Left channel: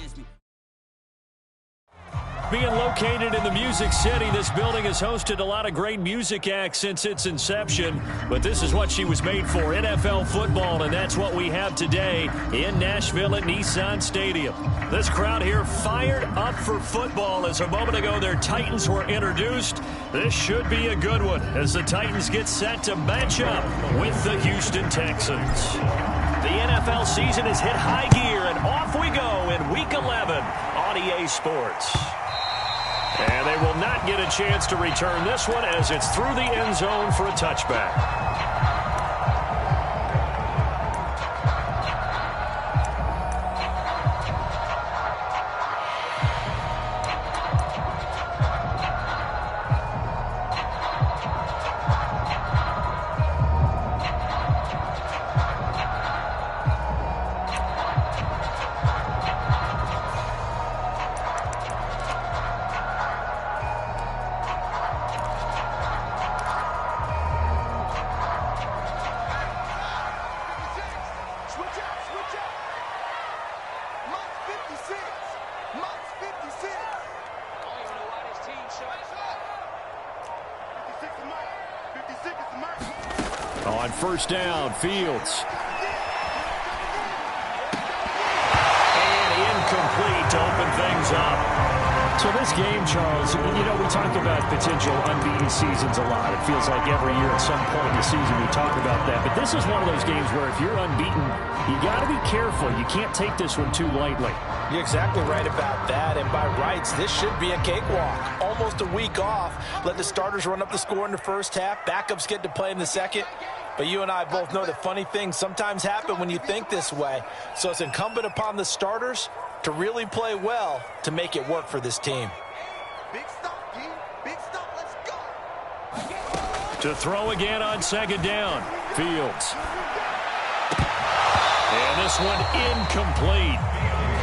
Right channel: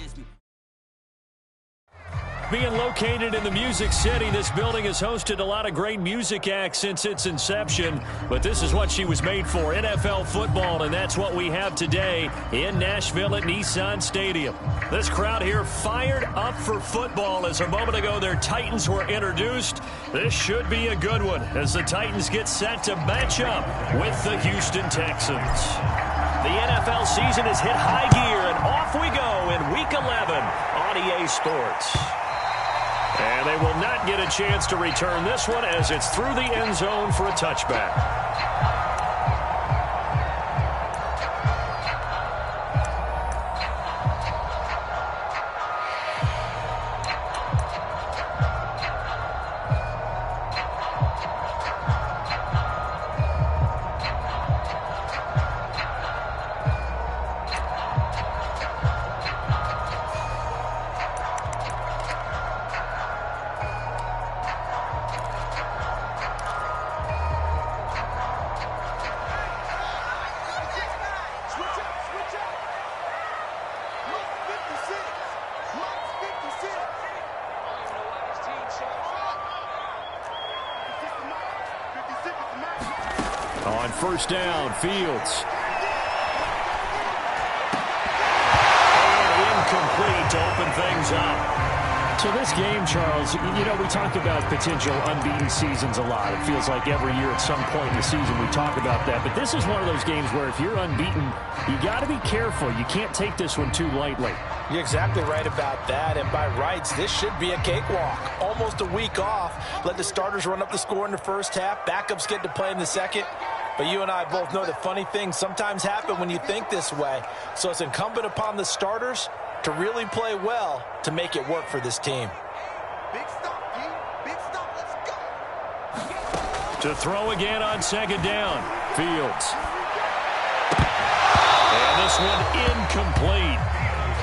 against me. Being located in the Music City, this building has hosted a lot of great music acts since its inception, but this is what she was made for, NFL football, and that's what we have today in Nashville at Nissan Stadium. This crowd here fired up for football as a moment ago their Titans were introduced. This should be a good one as the Titans get set to match up with the Houston Texans. The NFL season has hit high gear, and off we go in Week 11 on EA Sports. And they will not get a chance to return this one as it's through the end zone for a touchback. On first down, Fields. And incomplete to open things up. So this game, Charles, you know, we talk about potential unbeaten seasons a lot. It feels like every year at some point in the season we talk about that. But this is one of those games where if you're unbeaten, you got to be careful. You can't take this one too lightly. You're exactly right about that, and by rights, this should be a cakewalk. Almost a week off. Let the starters run up the score in the first half. Backups get to play in the second. But you and I both know that funny things sometimes happen when you think this way. So it's incumbent upon the starters to really play well to make it work for this team. Big stop, G. Big stop. Let's go. To throw again on second down, Fields. And this one incomplete.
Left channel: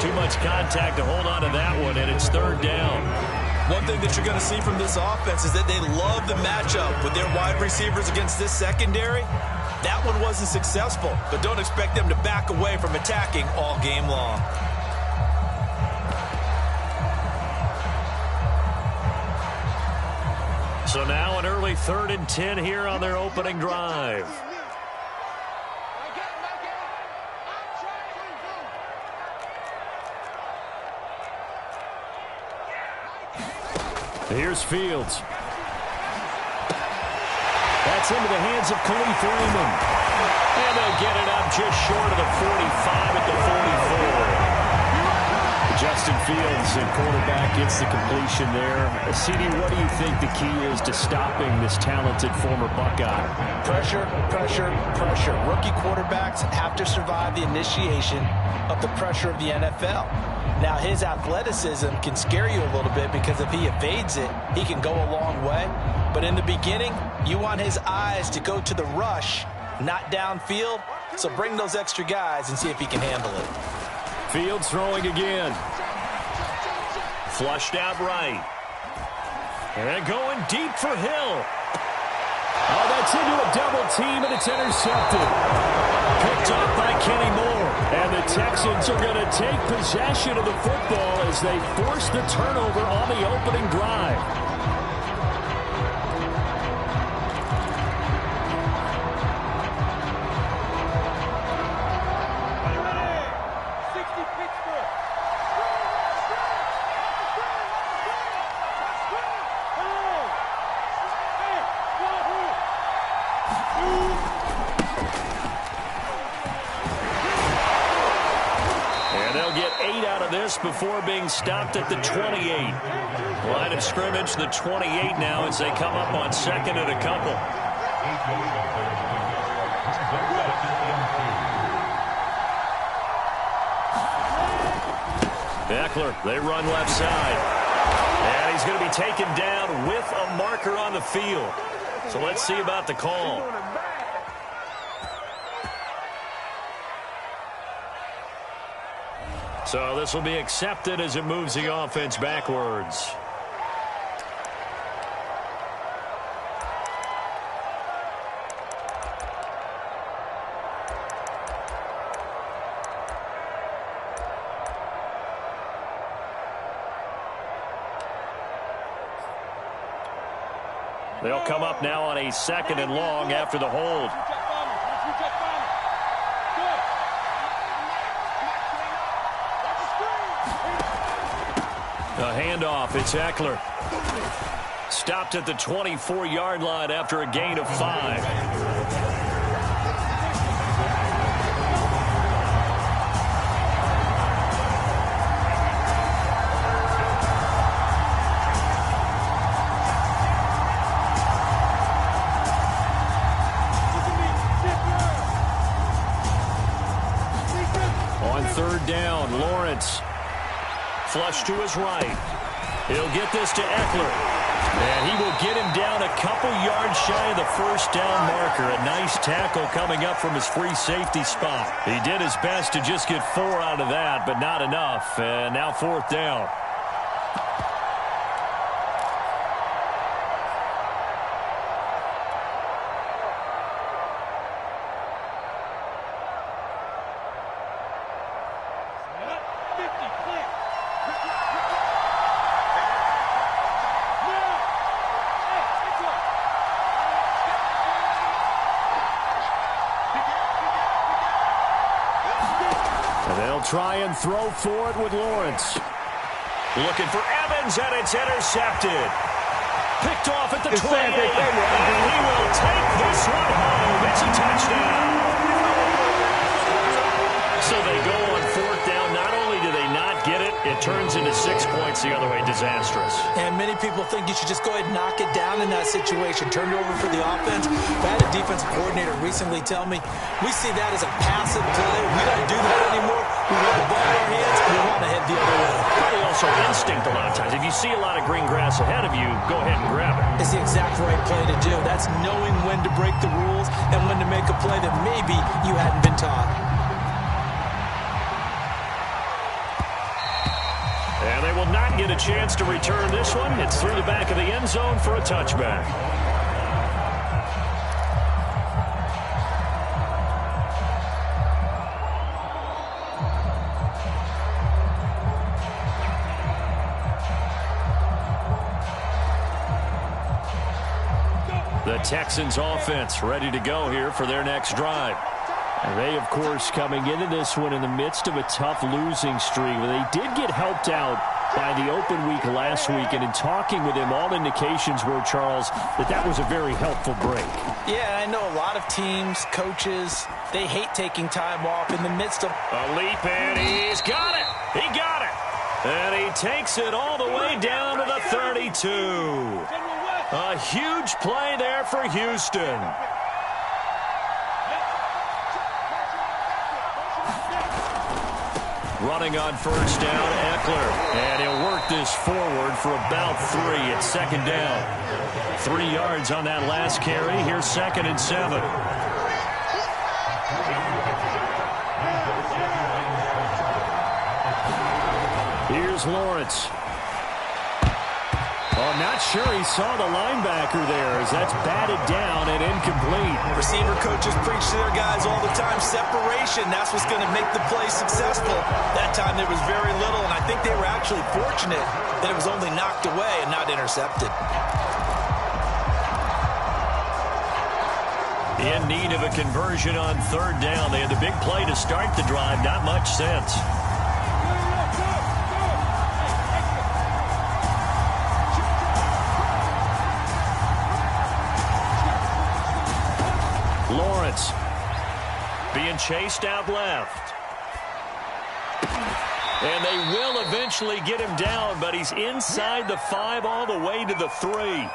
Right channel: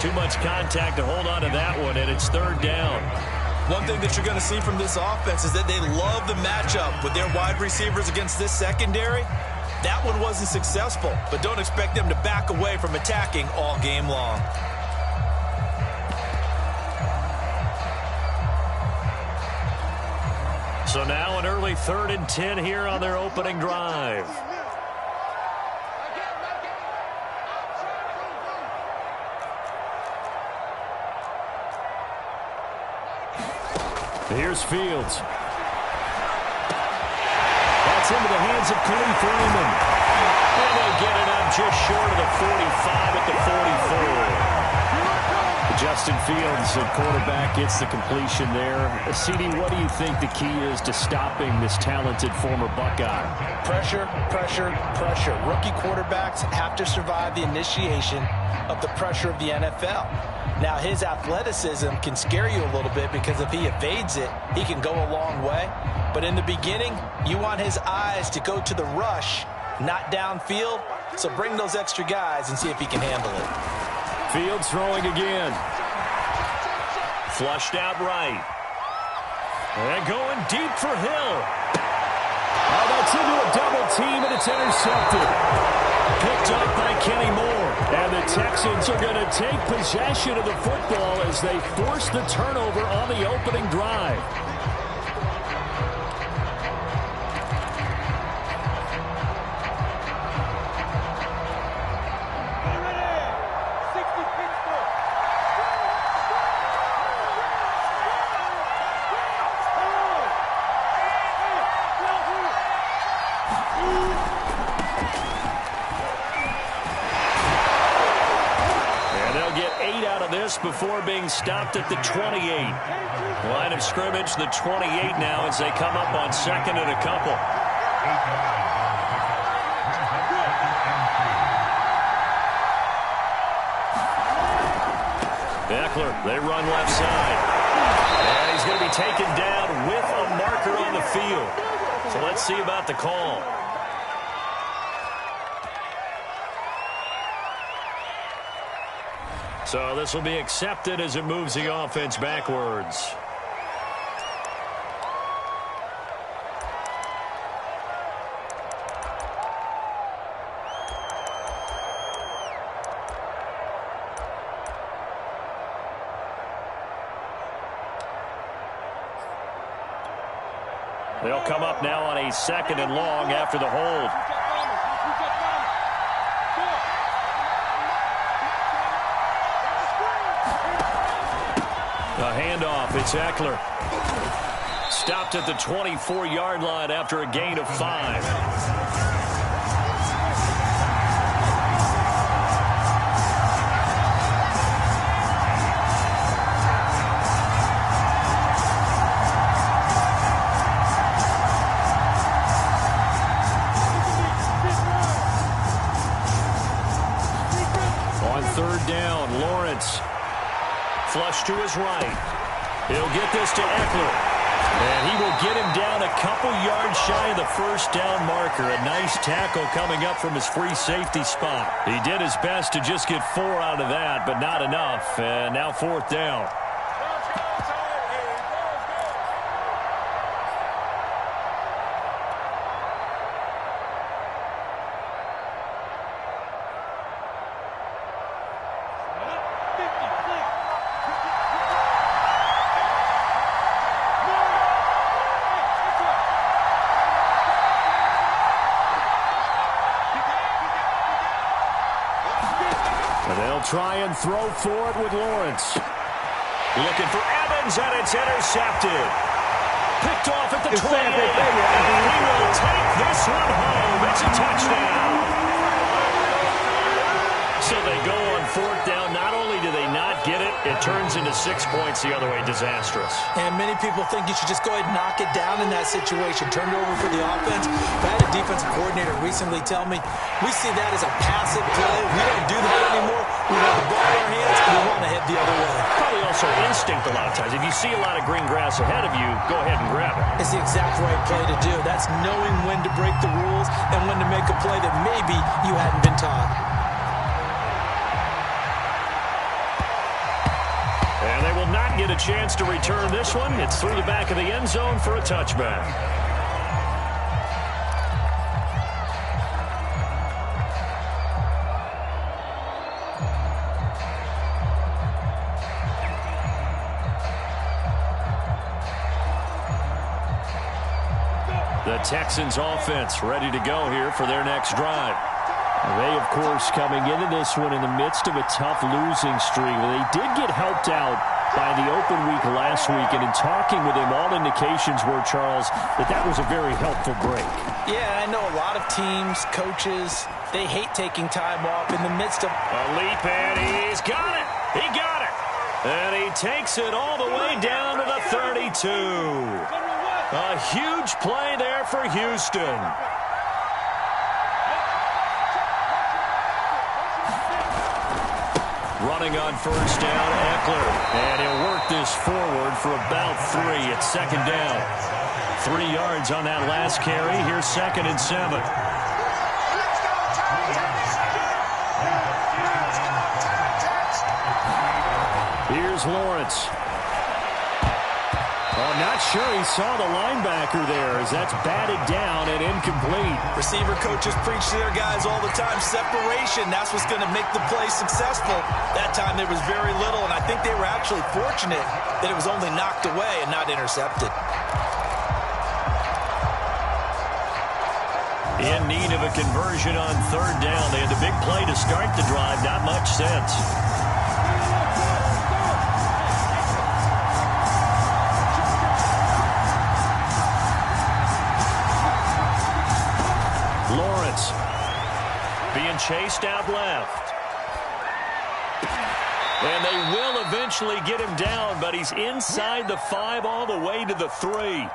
Too much contact to hold on to that one, and it's third down. One thing that you're going to see from this offense is that they love the matchup with their wide receivers against this secondary. That one wasn't successful, but don't expect them to back away from attacking all game long. So now an early 3rd and 10 here on their opening drive. Here's Fields. That's into the hands of Khalif Raymond. And they get it up just short of the 45 at the 44. Justin Fields, the quarterback, gets the completion there. CD, what do you think the key is to stopping this talented former Buckeye? Pressure, pressure, pressure. Rookie quarterbacks have to survive the initiation of the pressure of the NFL. Now, his athleticism can scare you a little bit because if he evades it, he can go a long way. But in the beginning, you want his eyes to go to the rush, not downfield. So bring those extra guys and see if he can handle it. Fields throwing again. Flushed out right. And going deep for Hill. Oh, that's into a double team, and it's intercepted. Picked up by Kenny Moore. And the Texans are going to take possession of the football as they force the turnover on the opening drive. Before being stopped at the 28. Line of scrimmage, the 28 now as they come up on second and a couple. Eckler, they run left side. And he's going to be taken down with a marker on the field. So let's see about the call. So this will be accepted as it moves the offense backwards. They'll come up now on a 2nd and long after the hold. A handoff. It's Eckler. Stopped at the 24-yard line after a gain of 5. On 3rd down, Lawrence. Flush to his right. He'll get this to Eckler. And he will get him down a couple yards shy of the 1st down marker. A nice tackle coming up from his free safety spot. He did his best to just get 4 out of that, but not enough. And now 4th down. They'll try and throw for it with Lawrence. Looking for Evans, and it's intercepted. Picked off at the 28. And he will take this one home. It's a touchdown. So they go on 4th down. Not only do they not get it, it turns into 6 points the other way. Disastrous. And many people think you should just go ahead and knock it down in that situation. Turn it over for the offense. I had a defensive coordinator recently tell me, we see that as a passive play. We don't do that anymore. We want the ball in our hands, and we want to head the other way. Probably also instinct a lot of times. If you see a lot of green grass ahead of you, go ahead and grab it. It's the exact right play to do. That's knowing when to break the rules and when to make a play that maybe you hadn't been taught. And they will not get a chance to return this one. It's through the back of the end zone for a touchback. The Texans offense ready to go here for their next drive. And they, of course, coming into this one in the midst of a tough losing streak. They did get helped out by the open week last week, and in talking with him, all indications were, Charles, that was a very helpful break. Yeah, I know a lot of teams, coaches, they hate taking time off in the midst of a leap, and he's got it. He got it. And he takes it all the way down to the 32. A huge play there for Houston. Running on 1st down, Eckler. And he'll work this forward for about 3 at 2nd down. 3 yards on that last carry. Here's 2nd and 7. Here's Lawrence. Oh, not sure he saw the linebacker there as that's batted down and incomplete. Receiver coaches preach to their guys all the time. Separation, that's what's going to make the play successful. That time there was very little, and I think they were actually fortunate that it was only knocked away and not intercepted. In need of a conversion on 3rd down. They had the big play to start the drive. Not much sense. Lawrence being chased out left. And they will eventually get him down, but he's inside the 5 all the way to the 3.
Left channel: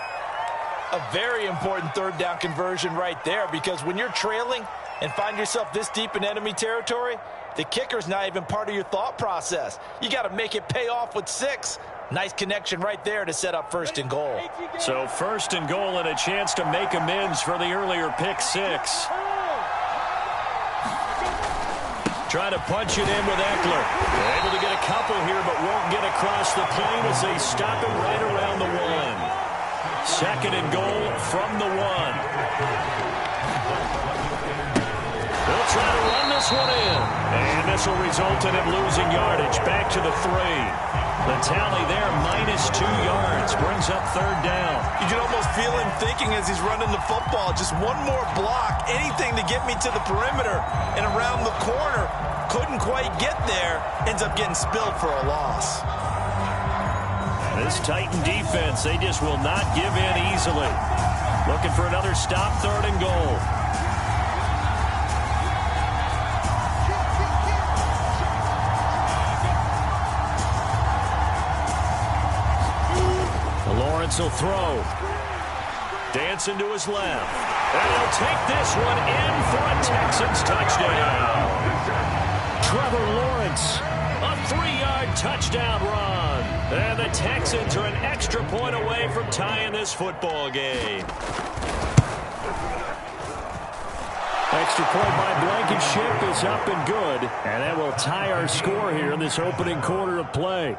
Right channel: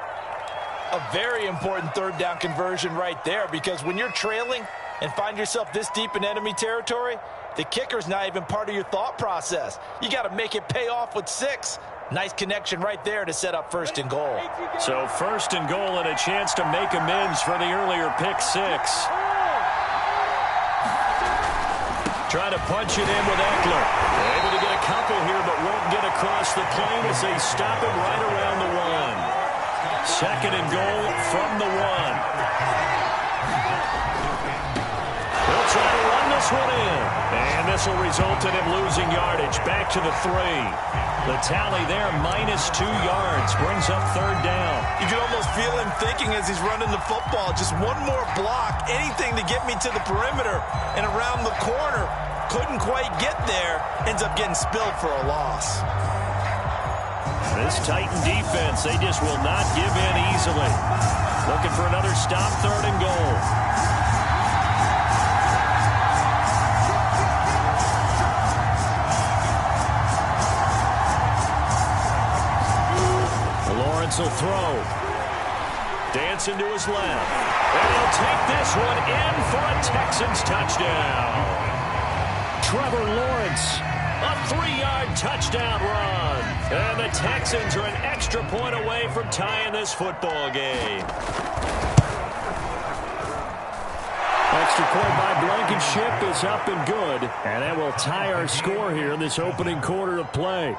A very important 3rd down conversion right there, because when you're trailing and find yourself this deep in enemy territory, the kicker's not even part of your thought process. You got to make it pay off with 6. Nice connection right there to set up 1st and goal. So 1st and goal and a chance to make amends for the earlier pick 6. Trying to punch it in with Eckler. They're able to get a couple here, but won't get across the plane as they stop him right around the 1. 2nd and goal from the 1. They'll try to run this one in. And this will result in him losing yardage. Back to the 3. The tally there, -2 yards. Brings up 3rd down. You can almost feel him thinking as he's running the football. Just one more block, anything to get me to the perimeter and around the corner. Couldn't quite get there. Ends up getting spilled for a loss. This Titan defense, they just will not give in easily. Looking for another stop, 3rd and goal. Lawrence will throw. Dancing to his left. And he'll take this one in for a Texans touchdown. Trevor Lawrence, a 3-yard touchdown run. And the Texans are an extra point away from tying this football game. Extra point by Blankenship is up and good. And that will tie our score here in this opening quarter of play.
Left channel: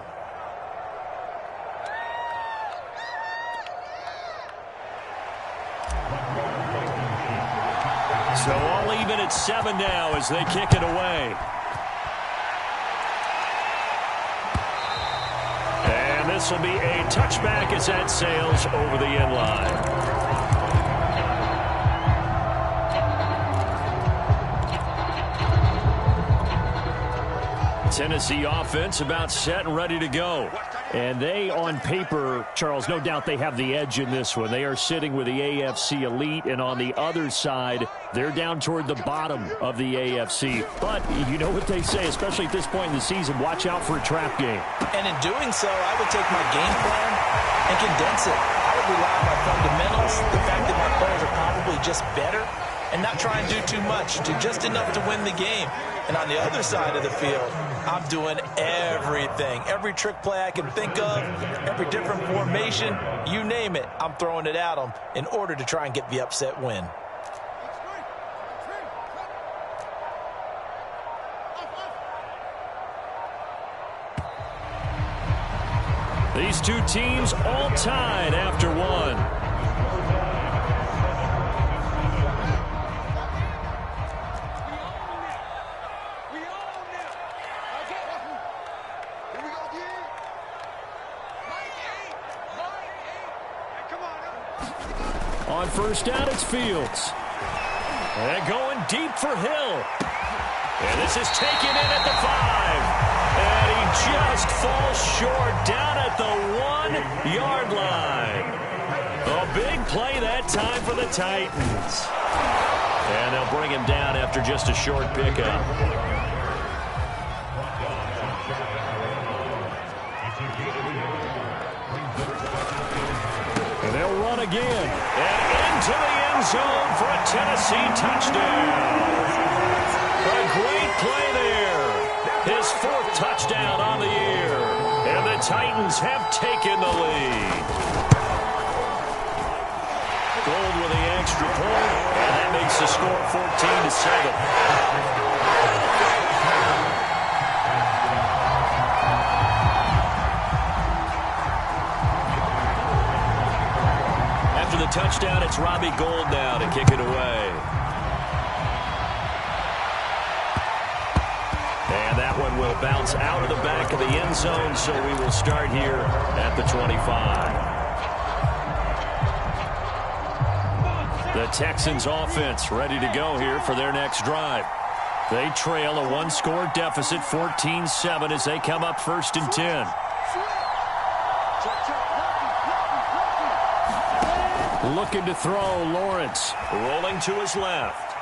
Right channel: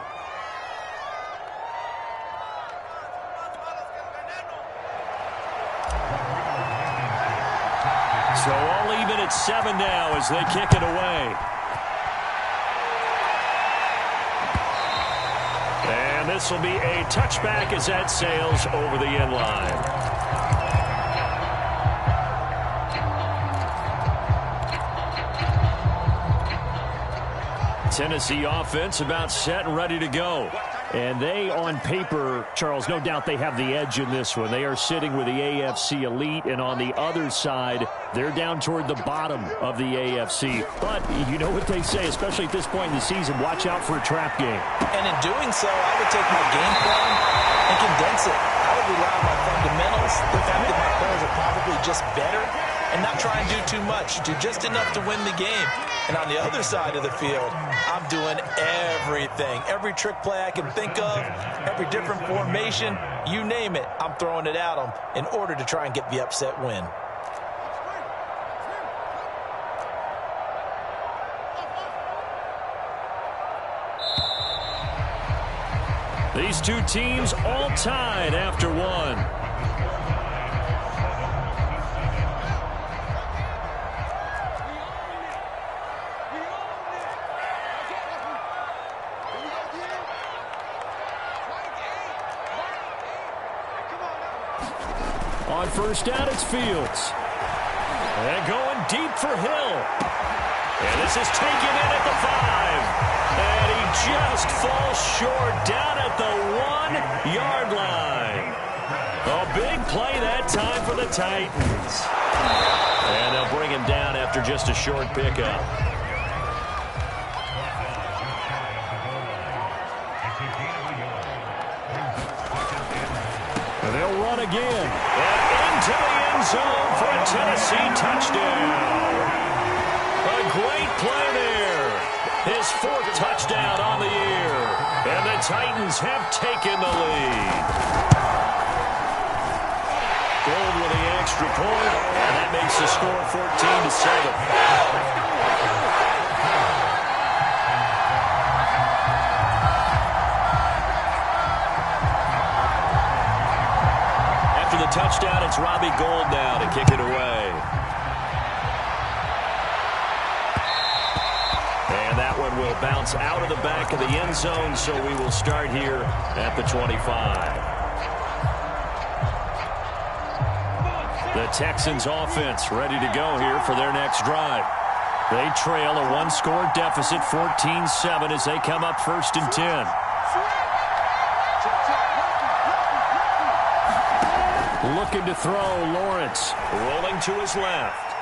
So all even at 7 now as they kick it away. And this will be a touchback as that sails over the end line. Tennessee offense about set and ready to go. And they, on paper, Charles, no doubt they have the edge in this one. They are sitting with the AFC elite, and on the other side, they're down toward the bottom of the AFC. But you know what they say, especially at this point in the season, watch out for a trap game. And in doing so, I would take my game plan and condense it. I would rely on my fundamentals, the fact that my players are probably just better, and not try and do too much, do just enough to win the game. And on the other side of the field, I'm doing everything. Every trick play I can think of, every different formation, you name it, I'm throwing it at them in order to try and get the upset win. These two teams all tied after one. On first down, it's Fields. And going deep for Hill. And this is taken in at the 5. And he just falls short down at the 1-yard line. A big play that time for the Titans. And they'll bring him down after just a short pickup. And they'll run again. And into the end zone for a Tennessee touchdown. A great play there. His 4th touchdown on the year. And the Titans have taken the lead. Gold with the extra point. And that makes the score 14-7. After the touchdown, it's Robbie Gould now to kick it away. And that one will bounce out of the back of the end zone, so we will start here at the 25. The Texans offense ready to go here for their next drive. They trail a 1-score deficit, 14-7, as they come up 1st and 10. Looking to throw, Lawrence. Rolling to his left.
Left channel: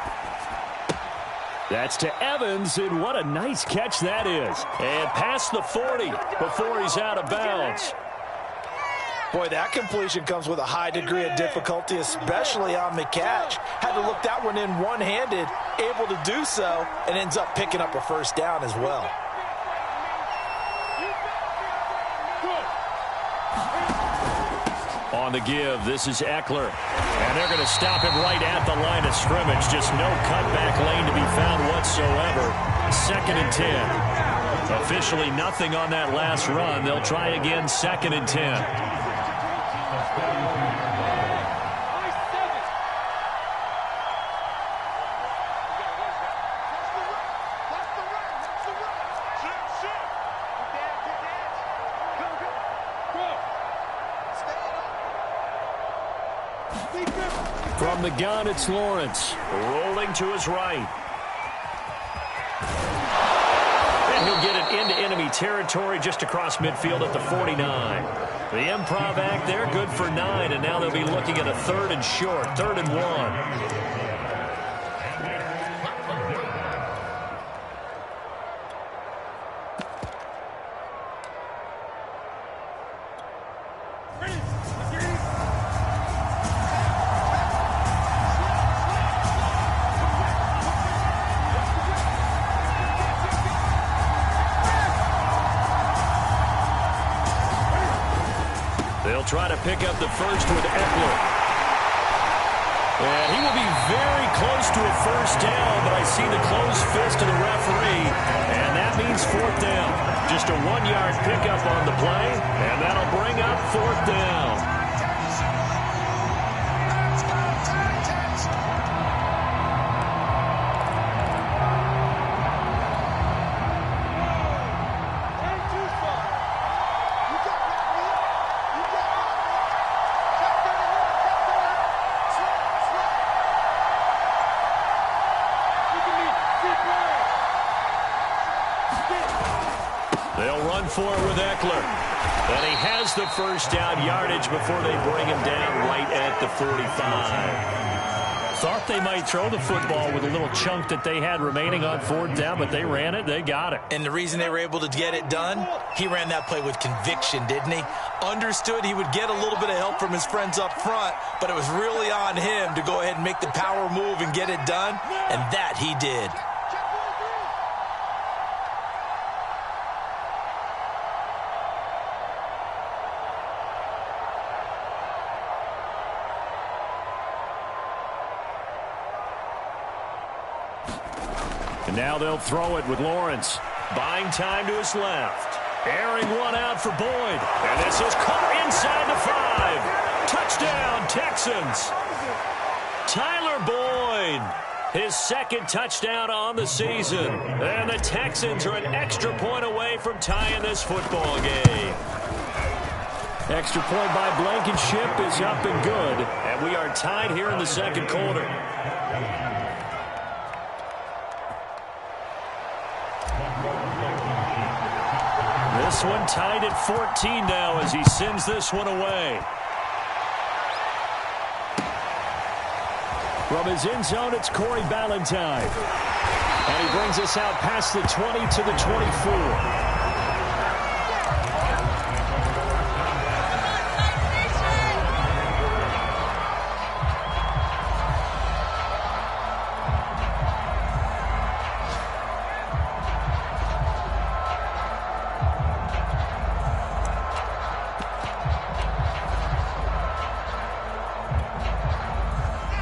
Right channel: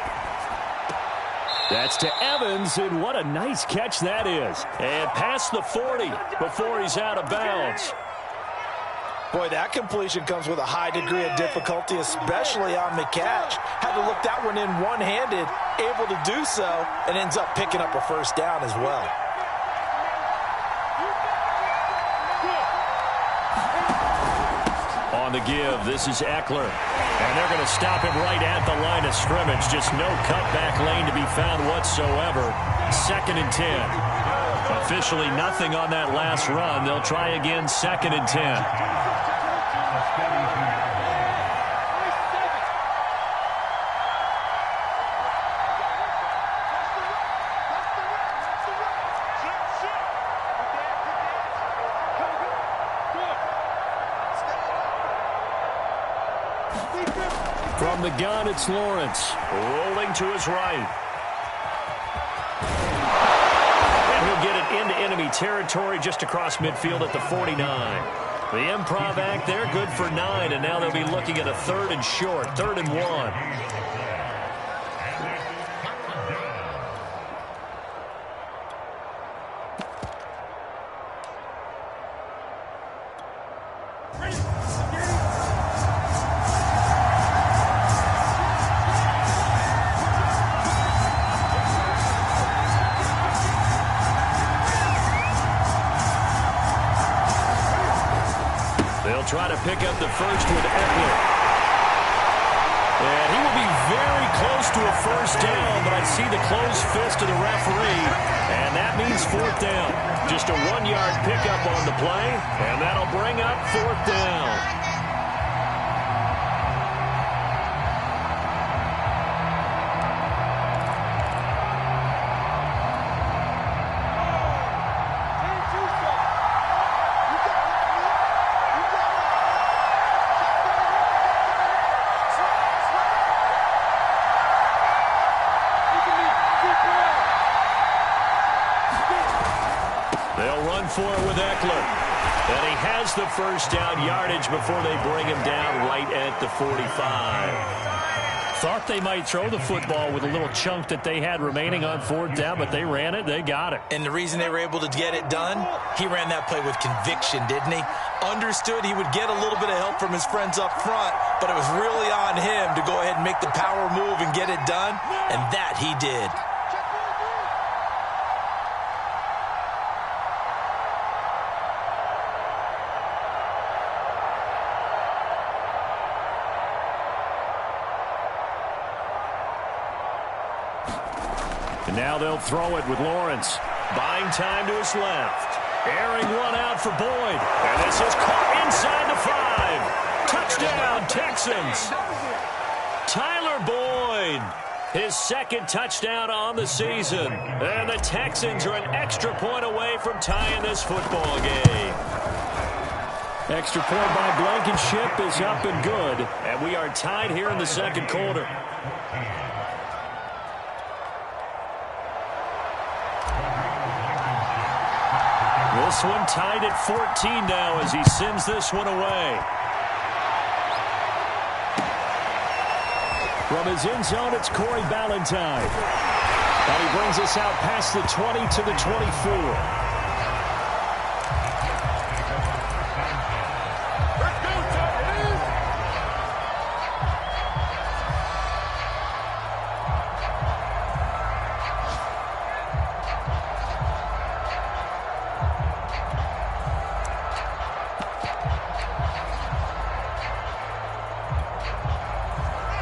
That's to Evans, and what a nice catch that is. And past the 40 before he's out of bounds. Boy, that completion comes with a high degree of difficulty, especially on the catch. Had to look that one in one-handed, able to do so, and ends up picking up a 1st down as well. On the give, this is Eckler. And they're going to stop him right at the line of scrimmage. Just no cutback lane to be found whatsoever. 2nd and 10. Officially nothing on that last run. They'll try again, 2nd and 10. From the gun, it's Lawrence. Rolling to his right. And he'll get it into enemy territory just across midfield at the 49. The improv act there, good for 9, and now they'll be looking at a 3rd and short, 3rd and 1. They'll try to pick up the first with Eckler. And he will be very close to a first down, but I see the closed fist of the referee, and that means 4th down. Just a 1-yard pickup on the play, and that'll bring up 4th down. They'll run for it with Eckler. And he has the first down yardage before they bring him down right at the 45. Thought they might throw the football with a little chunk that they had remaining on 4th down, but they ran it. They got it. And the reason they were able to get it done, he ran that play with conviction, didn't he? Understood he would get a little bit of help from his friends up front, but it was really on him to go ahead and make the power move and get it done, and that he did. And now they'll throw it with Lawrence. Buying time to his left. Airing one out for Boyd. And this is caught inside the 5. Touchdown, Texans. Tyler Boyd. His 2nd touchdown on the season. And the Texans are an extra point away from tying this football game. Extra point by Blankenship is up and good. And we are tied here in the 2nd quarter. This one tied at 14 now as he sends this one away. From his end zone, it's Corey Ballantyne. And he brings us out past the 20 to the 24.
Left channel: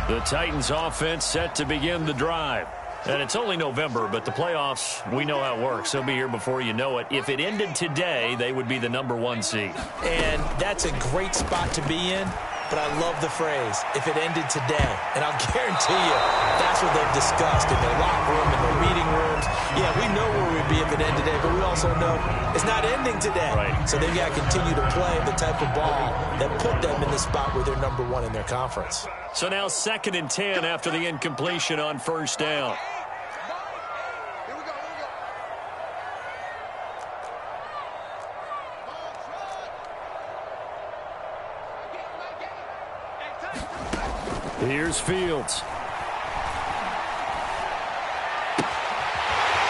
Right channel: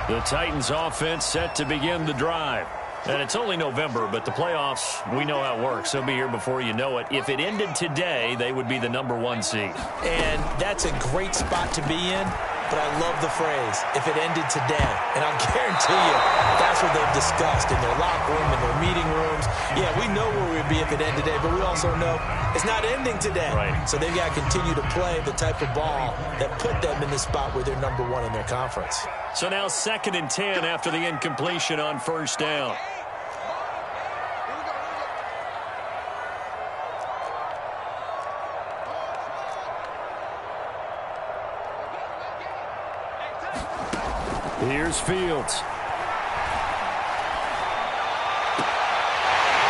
The Titans offense set to begin the drive. And it's only November, but the playoffs, we know how it works. They'll be here before you know it. If it ended today, they would be the #1 seed. And that's a great spot to be in, but I love the phrase, if it ended today. And I'll guarantee you, that's what they've discussed in their locker room, in their meeting rooms. Yeah, we know where we'd be if it ended today, but we also know it's not ending today. Right. So they've got to continue to play the type of ball that put them in the spot where they're #1 in their conference. So now 2nd and 10 after the incompletion on first down. Here's Fields.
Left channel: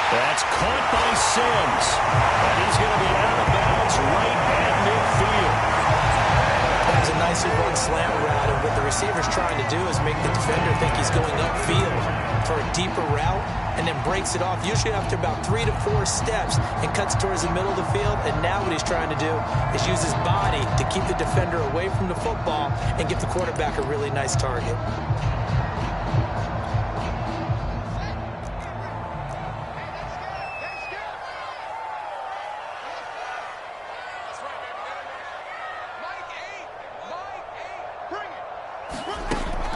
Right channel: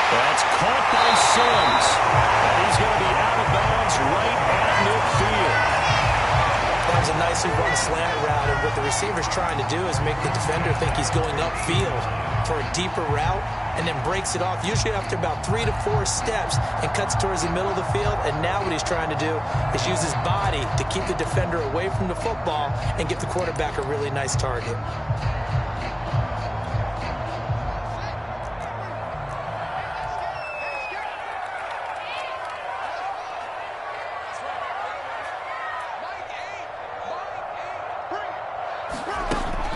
That's caught by Sims. And he's going to be out of bounds right at midfield. That was a nicely run slant route, and what the receiver's trying to do is make the defender think he's going upfield for a deeper route, and then breaks it off, usually after about 3 to 4 steps, and cuts towards the middle of the field. And now what he's trying to do is use his body to keep the defender away from the football and give the quarterback a really nice target.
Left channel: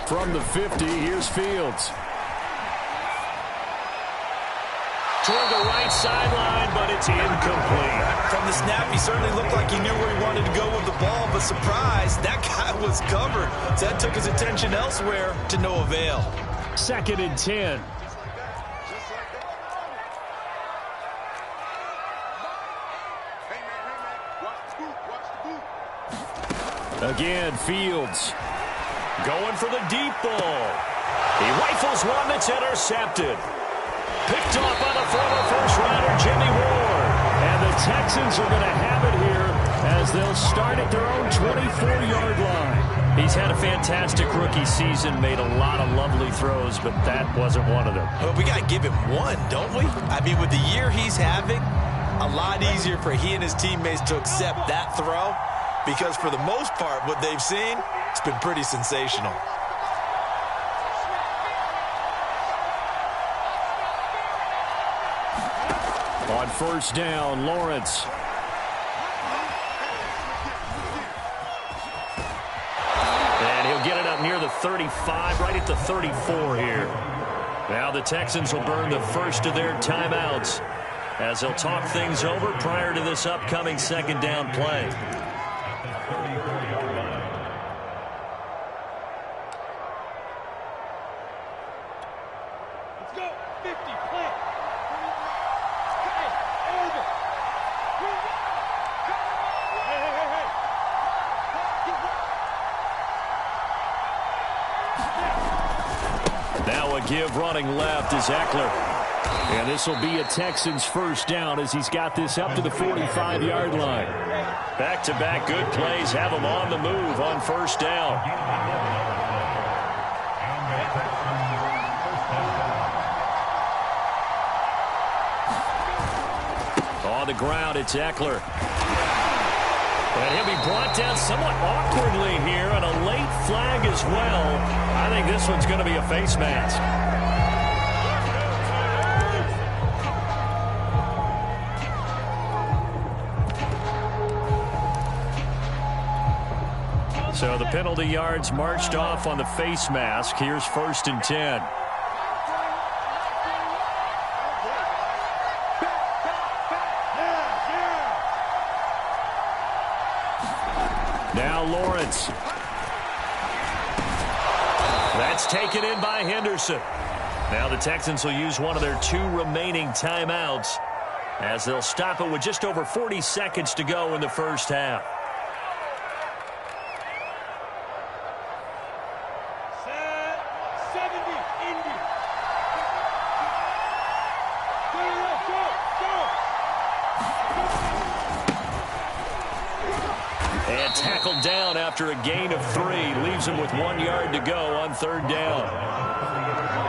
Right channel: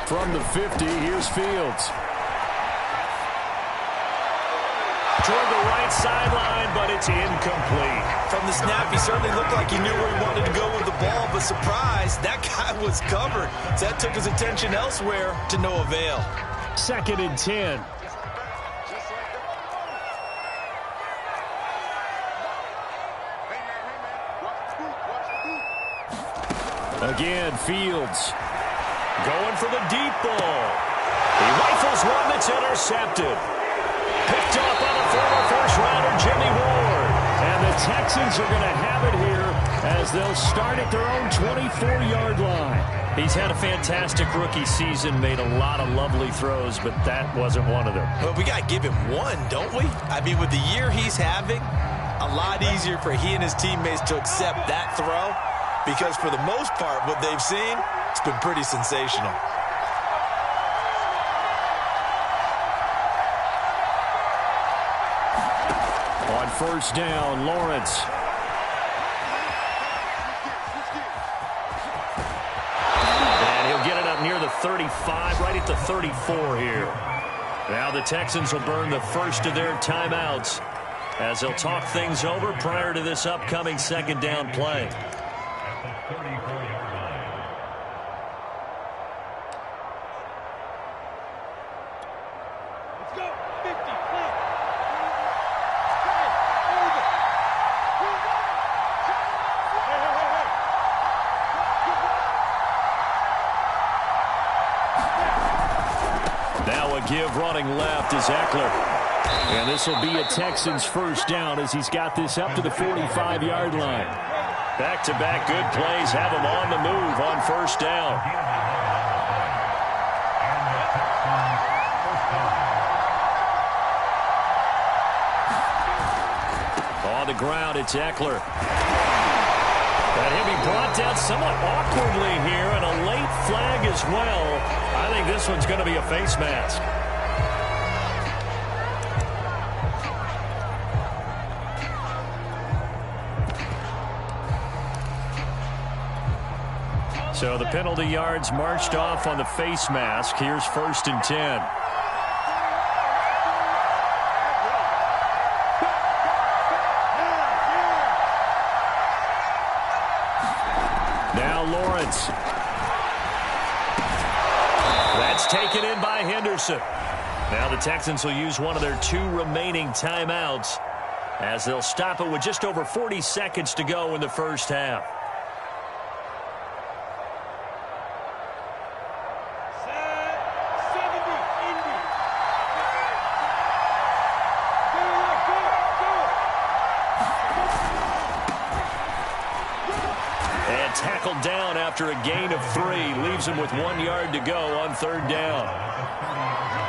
From the 50, here's Fields. toward the right sideline, but it's incomplete. From the snap, he certainly looked like he knew where he wanted to go with the ball, but surprise, that guy was covered. So that took his attention elsewhere to no avail. 2nd and 10. Again, Fields going for the deep ball. He rifles one that's intercepted. Picked off by the former first-rounder, Jimmy Ward. And the Texans are going to have it here as they'll start at their own 24-yard line. He's had a fantastic rookie season, made a lot of lovely throws, but that wasn't one of them. Well, we got to give him one, don't we? I mean, with the year he's having, a lot easier for he and his teammates to accept that throw because for the most part, what they've seen, it's been pretty sensational. On 1st down, Lawrence. And he'll get it up near the 35, right at the 34 here. Now the Texans will burn the first of their timeouts as they'll talk things over prior to this upcoming 2nd down play. Let's go. 50, plant. Now a give running left is Eckler. And this will be a Texans 1st down as he's got this up to the 45-yard line. Back-to-back good plays have him on the move on 1st down. On the ground, it's Eckler. And he'll be brought down somewhat awkwardly here, and a late flag as well. I think this one's going to be a face mask. So the penalty yards marched off on the face mask. Here's 1st and 10. Now Lawrence. That's taken in by Henderson. Now the Texans will use one of their 2 remaining timeouts as they'll stop it with just over 40 seconds to go in the 1st half. Set 70, Indy. And tackled down after a gain of 3. Leaves him with 1 yard to go on 3rd down.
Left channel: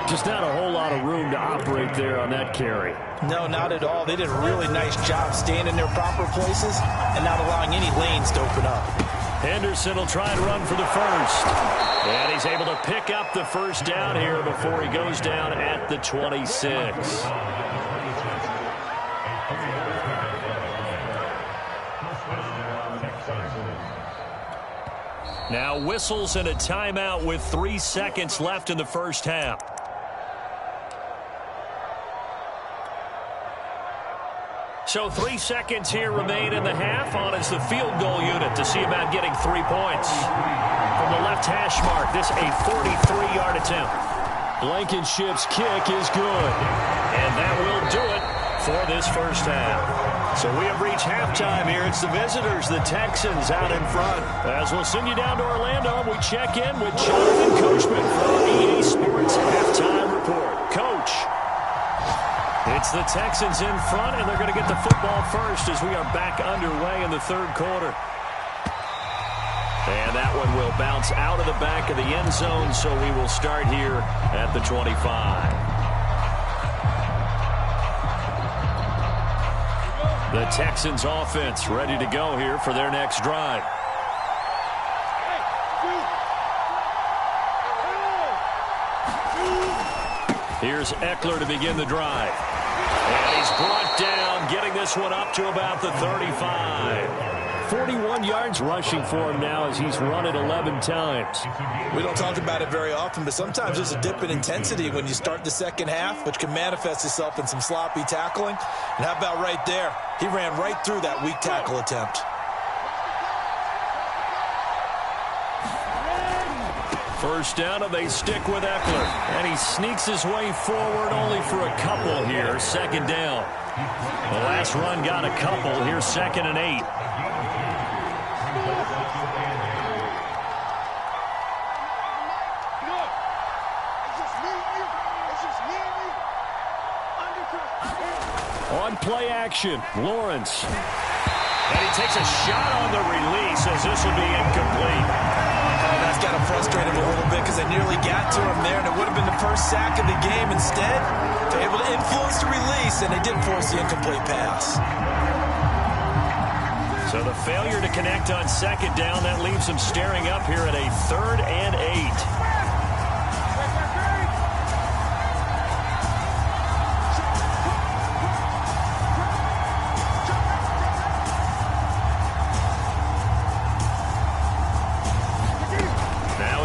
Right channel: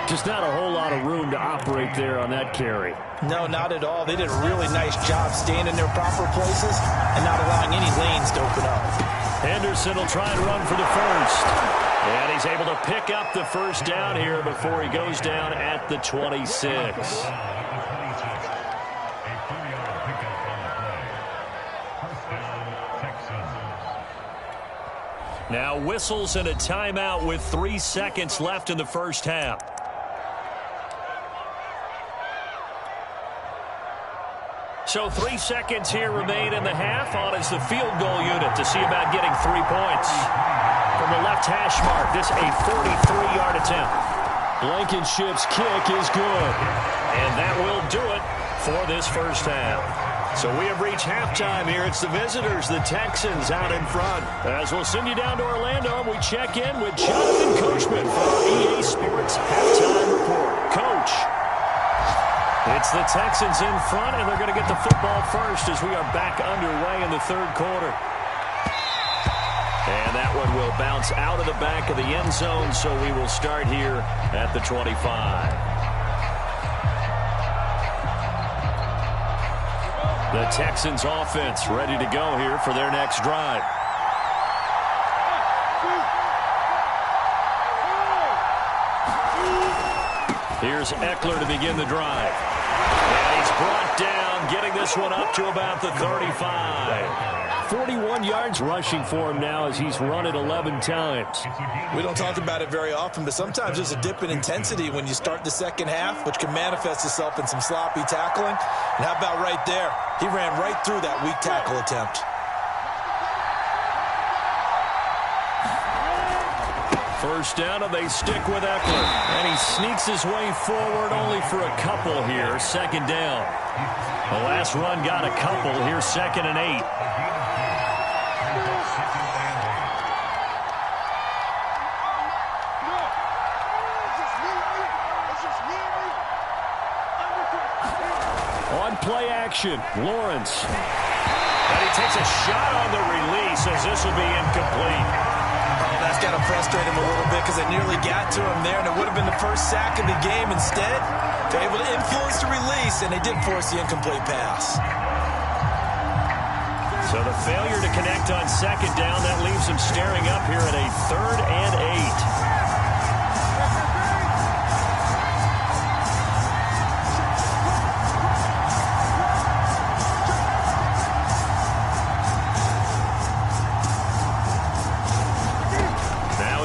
Just not a whole lot of room to operate there on that carry. No, not at all. They did a really nice job staying in their proper places and not allowing any lanes to open up. Henderson will try and run for the 1st. And he's able to pick up the 1st down here before he goes down at the 26. Now whistles and a timeout with 3 seconds left in the 1st half. So 3 seconds here remain in the half on as the field goal unit to see about getting 3 points. From the left hash mark, this a 43-yard attempt. Blankenship's kick is good. And that will do it for this 1st half. So we have reached halftime here. It's the visitors, the Texans, out in front. As we'll send you down to Orlando, we check in with Jonathan Coachman for our EA Sports Halftime Report. Coach. It's the Texans in front, and they're going to get the football first as we are back underway in the 3rd quarter. And that one will bounce out of the back of the end zone, so we will start here at the 25. The Texans offense ready to go here for their next drive. Here's Eckler to begin the drive. And he's brought down, getting this this one up to about the 35. 41 yards rushing for him now as he's run it 11 times. We don't talk about it very often, but sometimes there's a dip in intensity when you start the second half, which can manifest itself in some sloppy tackling. And how about right there? He ran right through that weak tackle attempt. First down, and they stick with Eckler. And he sneaks his way forward only for a couple here. Second down. The last run got a couple. Here's 2nd and 8. On play action, Lawrence. And he takes a shot on the release as this will be incomplete. Oh, that's got to frustrate him a little bit because they nearly got to him there, and it would have been the first sack of the game. Instead, they're able to influence the release, and they did force the incomplete pass. So the failure to connect on second down, that leaves them staring up here at a 3rd and 8.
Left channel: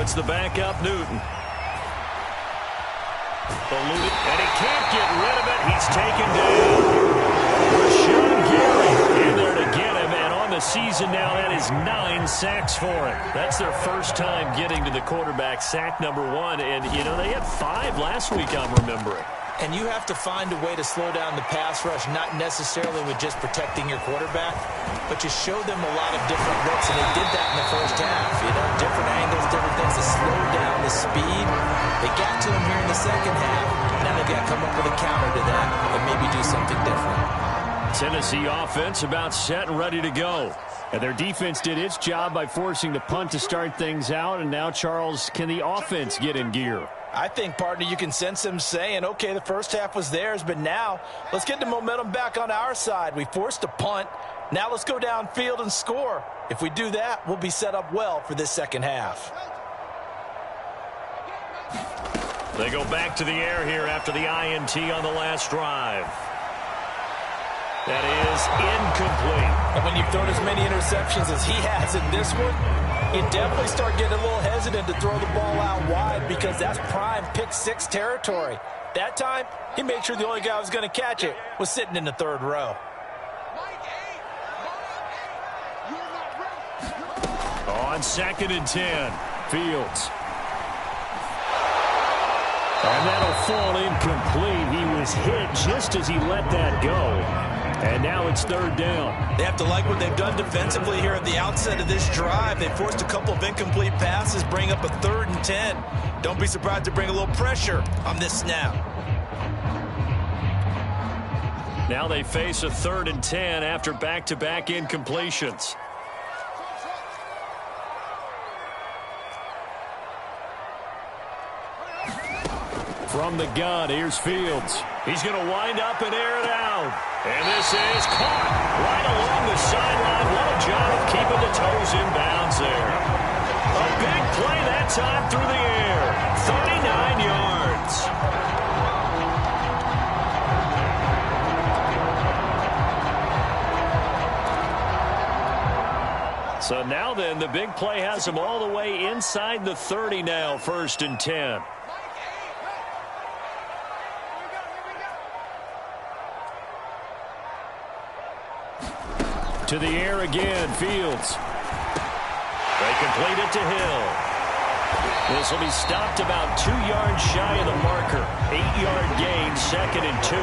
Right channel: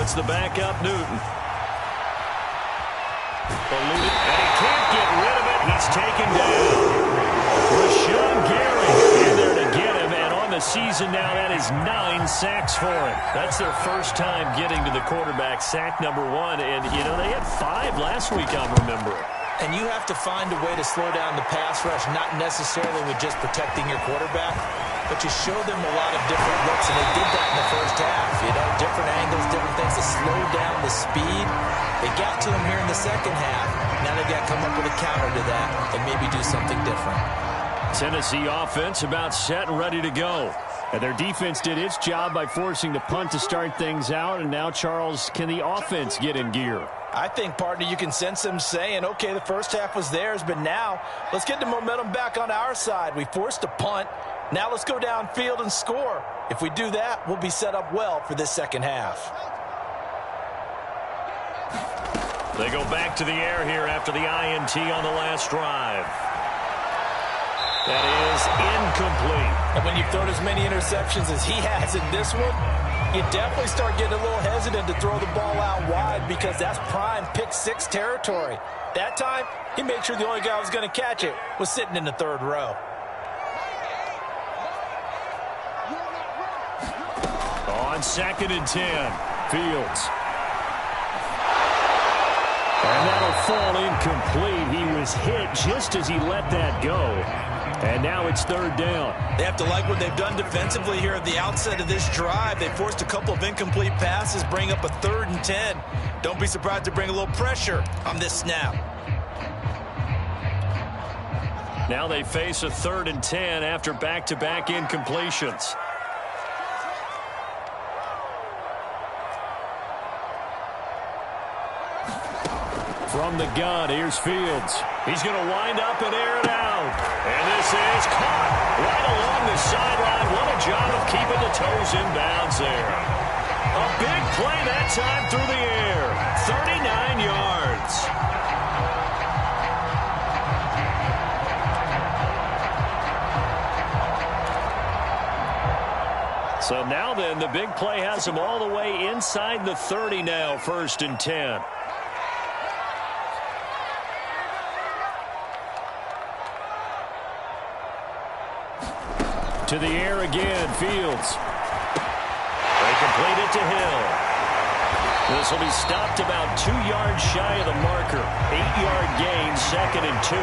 It's the backup, Newton. Eluded, and he can't get rid of it. He's taken down. Rashawn Gary in there to get him, and on the season now, that is 9 sacks for him. That's their first time getting to the quarterback, sack number 1, and, you know, they had 5 last week, I'm remembering. And you have to find a way to slow down the pass rush, not necessarily with just protecting your quarterback, but you show them a lot of different looks, and they did that in the first half. You know, different angles, different things to slow down the speed. They got to him here in the second half. Now they've got to come up with a counter to that and maybe do something different. Tennessee offense about set and ready to go. And their defense did its job by forcing the punt to start things out, and now, Charles, can the offense get in gear? I think, partner, you can sense them saying, okay, the first half was theirs, but now let's get the momentum back on our side. We forced a punt. Now let's go downfield and score. If we do that, we'll be set up well for this second half. They go back to the air here after the INT on the last drive. That is incomplete. And when you've thrown as many interceptions as he has in this one, you definitely start getting a little hesitant to throw the ball out wide because that's prime pick-6 territory. That time, he made sure the only guy who was going to catch it was sitting in the 3rd row. On 2nd and 10, Fields. And that'll fall incomplete. He was hit just as he let that go. And now it's 3rd down. They have to like what they've done defensively here at the outset of this drive. They forced a couple of incomplete passes, bring up a 3rd and 10. Don't be surprised to bring a little pressure on this snap. Now they face a 3rd and 10 after back-to-back incompletions. From the gun, here's Fields. He's going to wind up and air it out. And this is caught right along the sideline. What a job of keeping the toes in bounds there. A big play that time through the air. 39 yards. So now then, the big play has him all the way inside the 30 now, 1st and 10. To the air again, Fields. They complete it to Hill. This will be stopped about 2 yards shy of the marker. 8-yard gain, 2nd and 2.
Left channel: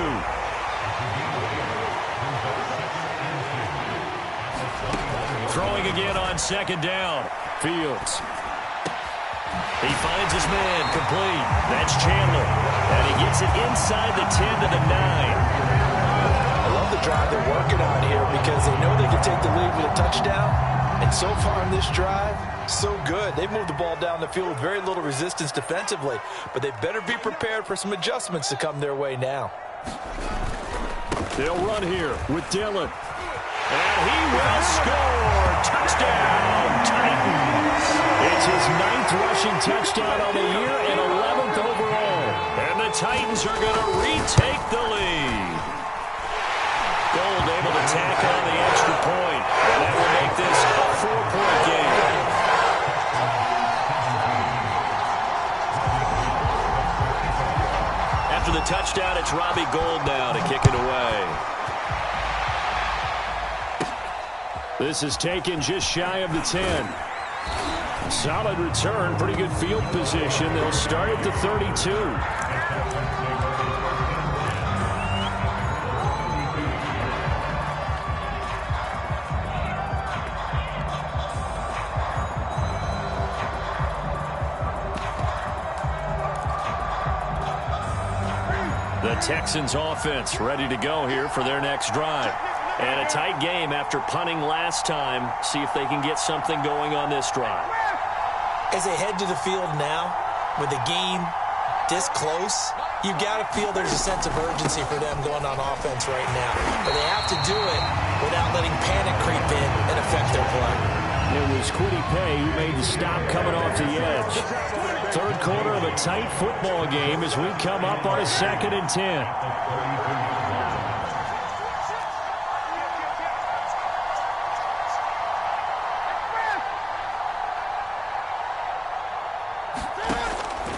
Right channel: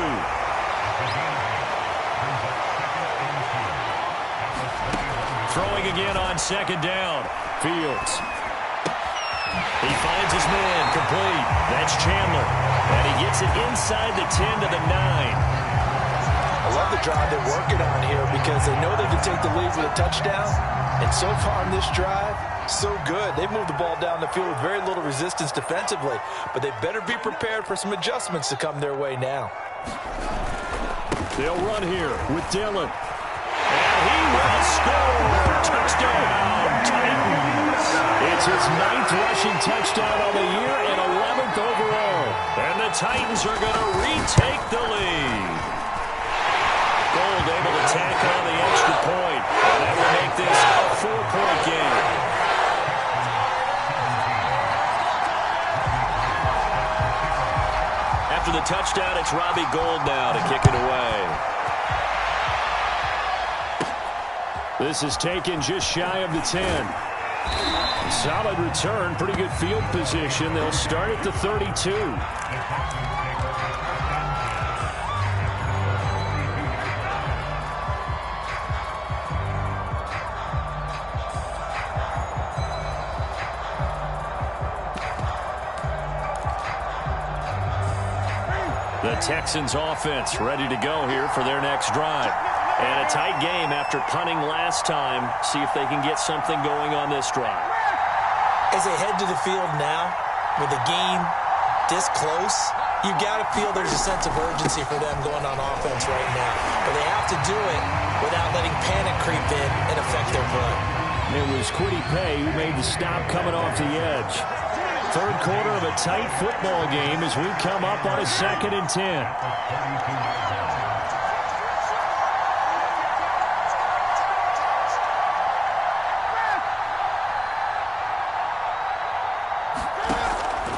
Throwing again on 2nd down. Fields. He finds his man, complete. That's Chandler. And he gets it inside the 10 to the 9. I love the drive they're working on here because they know they can take the lead with a touchdown. And so far in this drive, so good. They've moved the ball down the field with very little resistance defensively. But they better be prepared for some adjustments to come their way now. They'll run here with Dillon. And he will score. Touchdown, Titans. It's his 9th rushing touchdown on the year and 11th overall. And the Titans are going to retake the lead. Gold able able to tack on the extra point, and that will make this a 4-point game. After the touchdown, it's Robbie Gould now to kick it away. This is taken just shy of the 10. Solid return, pretty good field position. They'll start at the 32. The Texans offense ready to go here for their next drive. And a tight game after punting last time. See if they can get something going on this drive. As they head to the field now, with the game this close, you've got to feel there's a sense of urgency for them going on offense right now. But they have to do it without letting panic creep in and affect their play. It was Kwity Paye who made the stop coming off the edge. Third quarter of a tight football game as we come up on a 2nd and 10.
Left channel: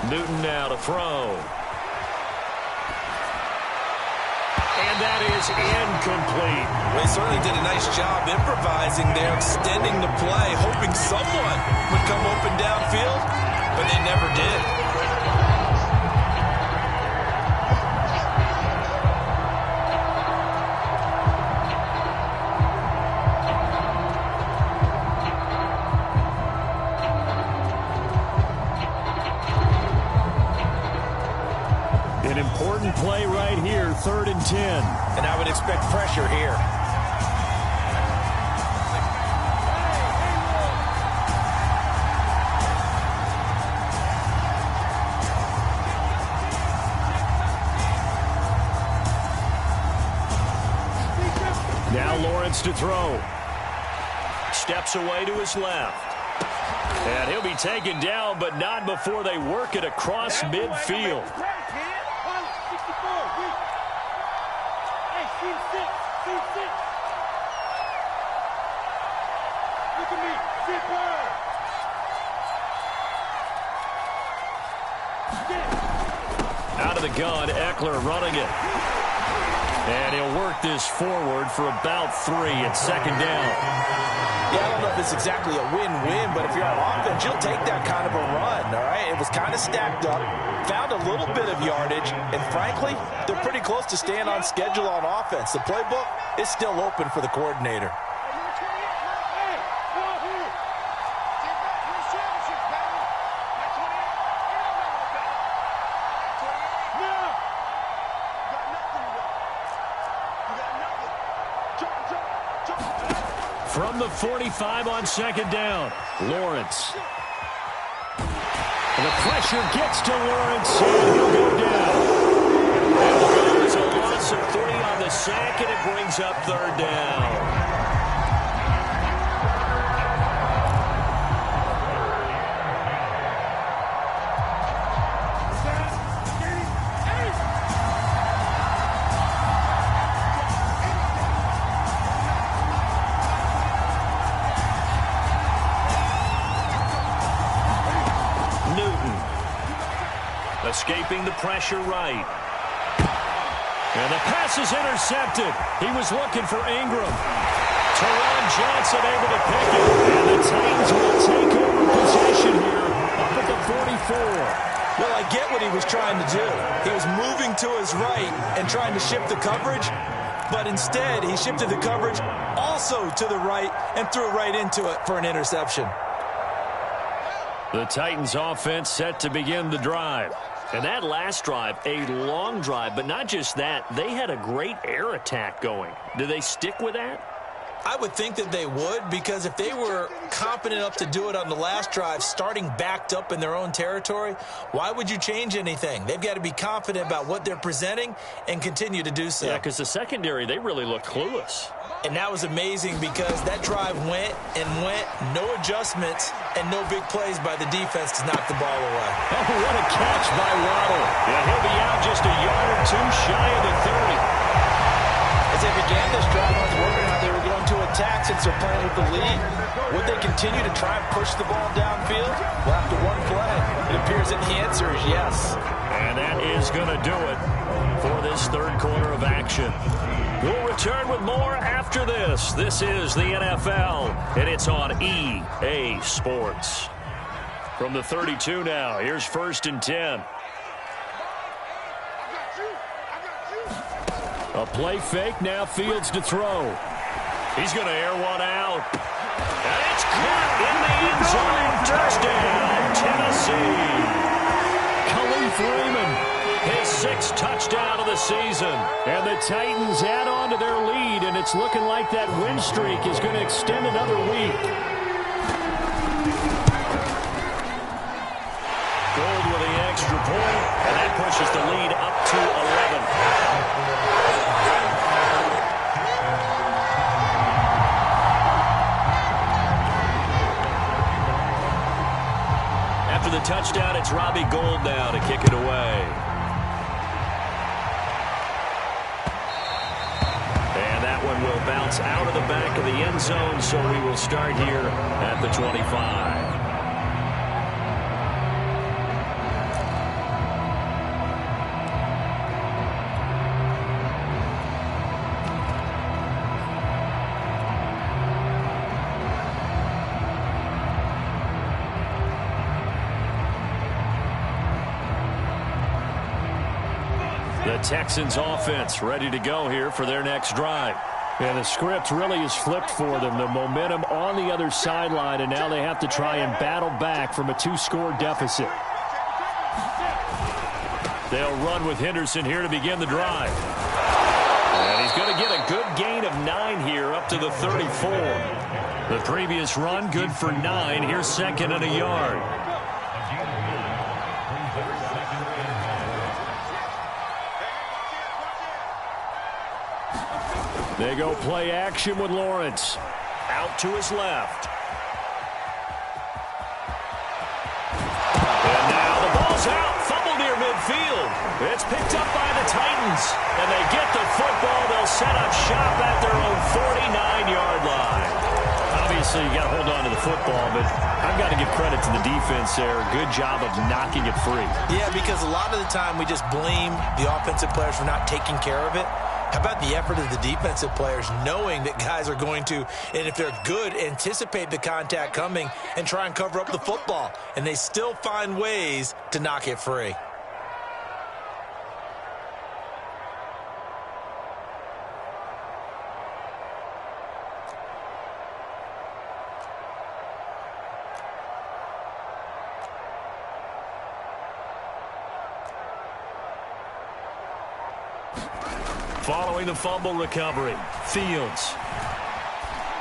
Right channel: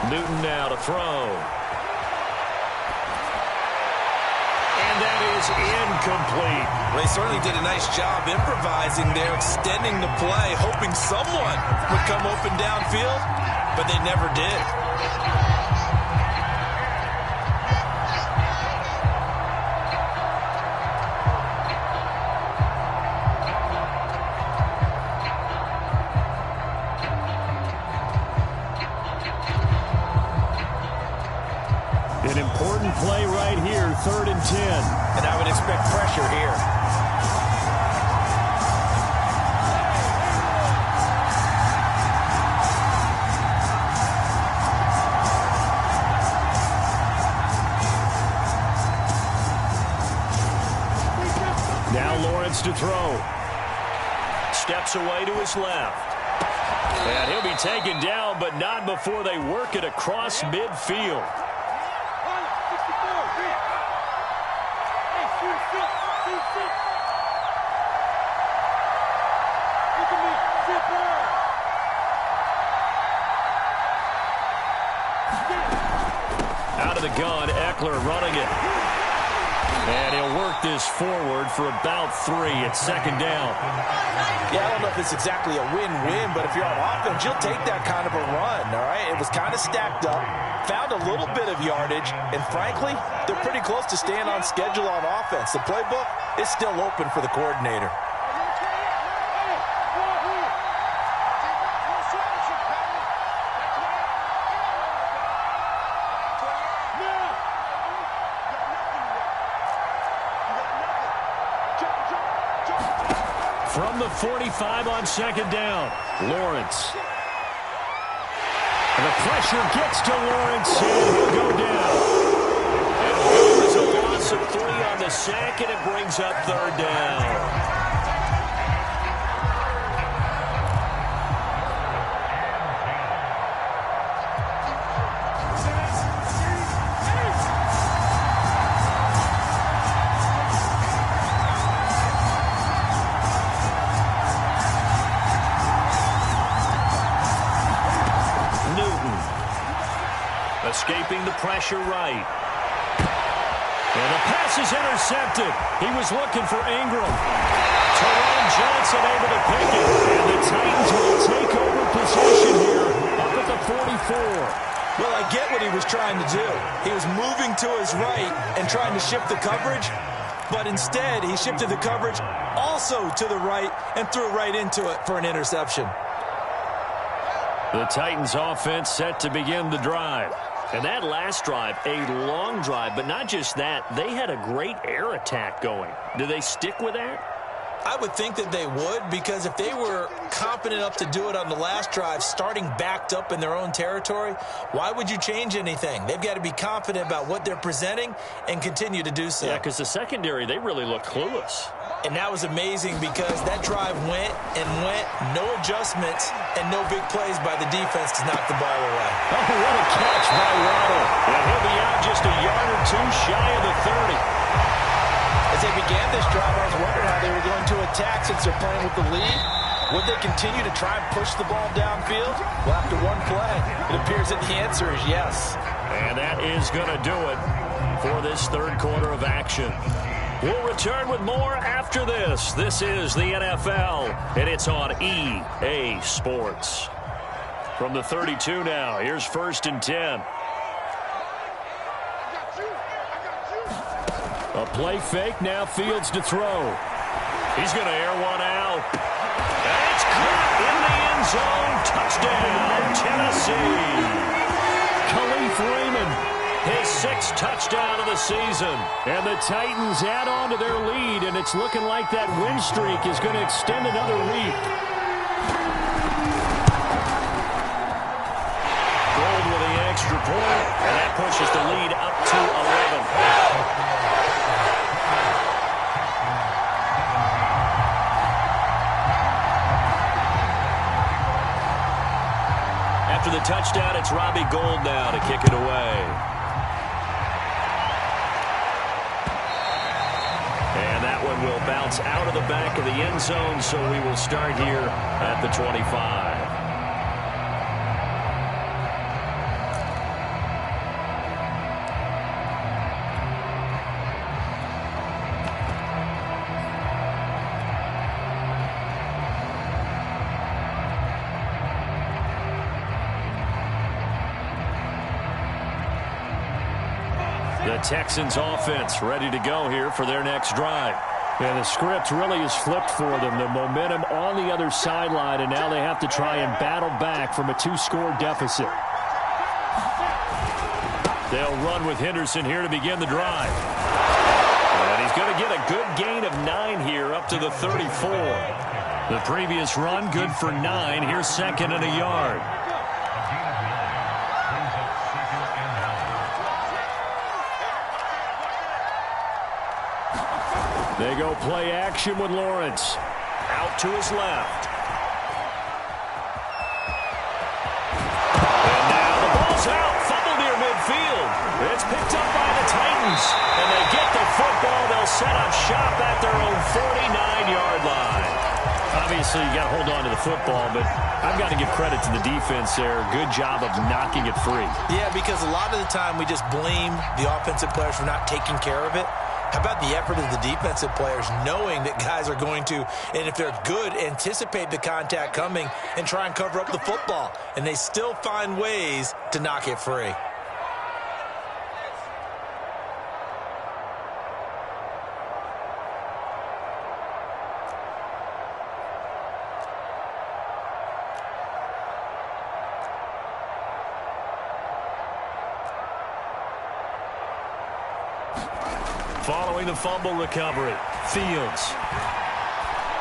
Newton now to throw. And that is incomplete. They certainly did a nice job improvising there, extending the play, hoping someone would come open downfield, but they never did. An important play right here, 3rd and 10. And I would expect pressure here. Now Lawrence to throw. Steps away to his left. And he'll be taken down, but not before they work it across midfield. Look at me, zipper. Out of the gun, Eckler running it. And he'll work this forward for about 3 at 2nd down. Yeah, I don't know if it's exactly a win-win, but if you're on offense, you'll take that kind of a run, all right? It was kind of stacked up, found a little bit of yardage, and frankly, they're pretty close to staying on schedule on offense. The playbook is still open for the coordinator. From the 45 on 2nd down, Lawrence. And the pressure gets to Lawrence, and he'll go down. And will go as a loss of 3 on the sack, and it brings up 3rd down. Escaping the pressure right. And the pass is intercepted. He was looking for Ingram. Teron Johnson able to pick it. And the Titans will take over possession here up at the 44. Well, I get what he was trying to do. He was moving to his right and trying to shift the coverage, but instead he shifted the coverage also to the right and threw right into it for an interception. The Titans offense set to begin the drive. And that last drive, a long drive, but not just that, they had a great air attack going. Do they stick with that? I would think that they would, because if they were confident enough to do it on the last drive, starting backed up in their own territory, why would you change anything? They've got to be confident about what they're presenting and continue to do so. Yeah, because the secondary, they really looked clueless. And that was amazing because that drive went and went, no adjustments, and no big plays by the defense to knock the ball away. Oh, what a catch by Waddle. And he'll be out just a yard or two shy of the 30. As they began this drive, I was wondering how they were going to attack since they're playing with the lead. Would they continue to try and push the ball downfield? Well, after one play, it appears that the answer is yes. And that is going to do it for this third quarter of action. We'll return with more after this. This is the NFL, and it's on EA Sports. From the 32 now, here's 1st and 10. A play fake, now Fields to throw. He's going to air one out. And it's caught in the end zone. Touchdown, Tennessee. Khalif Raymond, his 6th touchdown of the season. And the Titans add on to their lead, and it's looking like that win streak is going to extend another week. Gold with the extra point, and that pushes the lead up to 11. After the touchdown, it's Robbie Gould now to kick it away. And that one will bounce out of the back of the end zone, so we will start here at the 25. The Texans offense ready to go here for their next drive. Yeah, the script really is flipped for them. The momentum on the other sideline, and now they have to try and battle back from a 2-score deficit. They'll run with Henderson here to begin the drive. And he's going to get a good gain of 9 here up to the 34. The previous run good for 9. Here's 2nd and a yard. They go play action with Lawrence. Out to his left. And now the ball's out. Fumble near midfield. It's picked up by the Titans. And they get the football. They'll set up shop at their own 49-yard line. Obviously, you got to hold on to the football, but I've got to give credit to the defense there. Good job of knocking it free. Yeah, because a lot of the time we just blame the offensive players for not taking care of it. How about the effort of the defensive players knowing that guys are going to, and if they're good, anticipate the contact coming and try and cover up the football. And they still find ways to knock it free. Following the fumble recovery, Fields.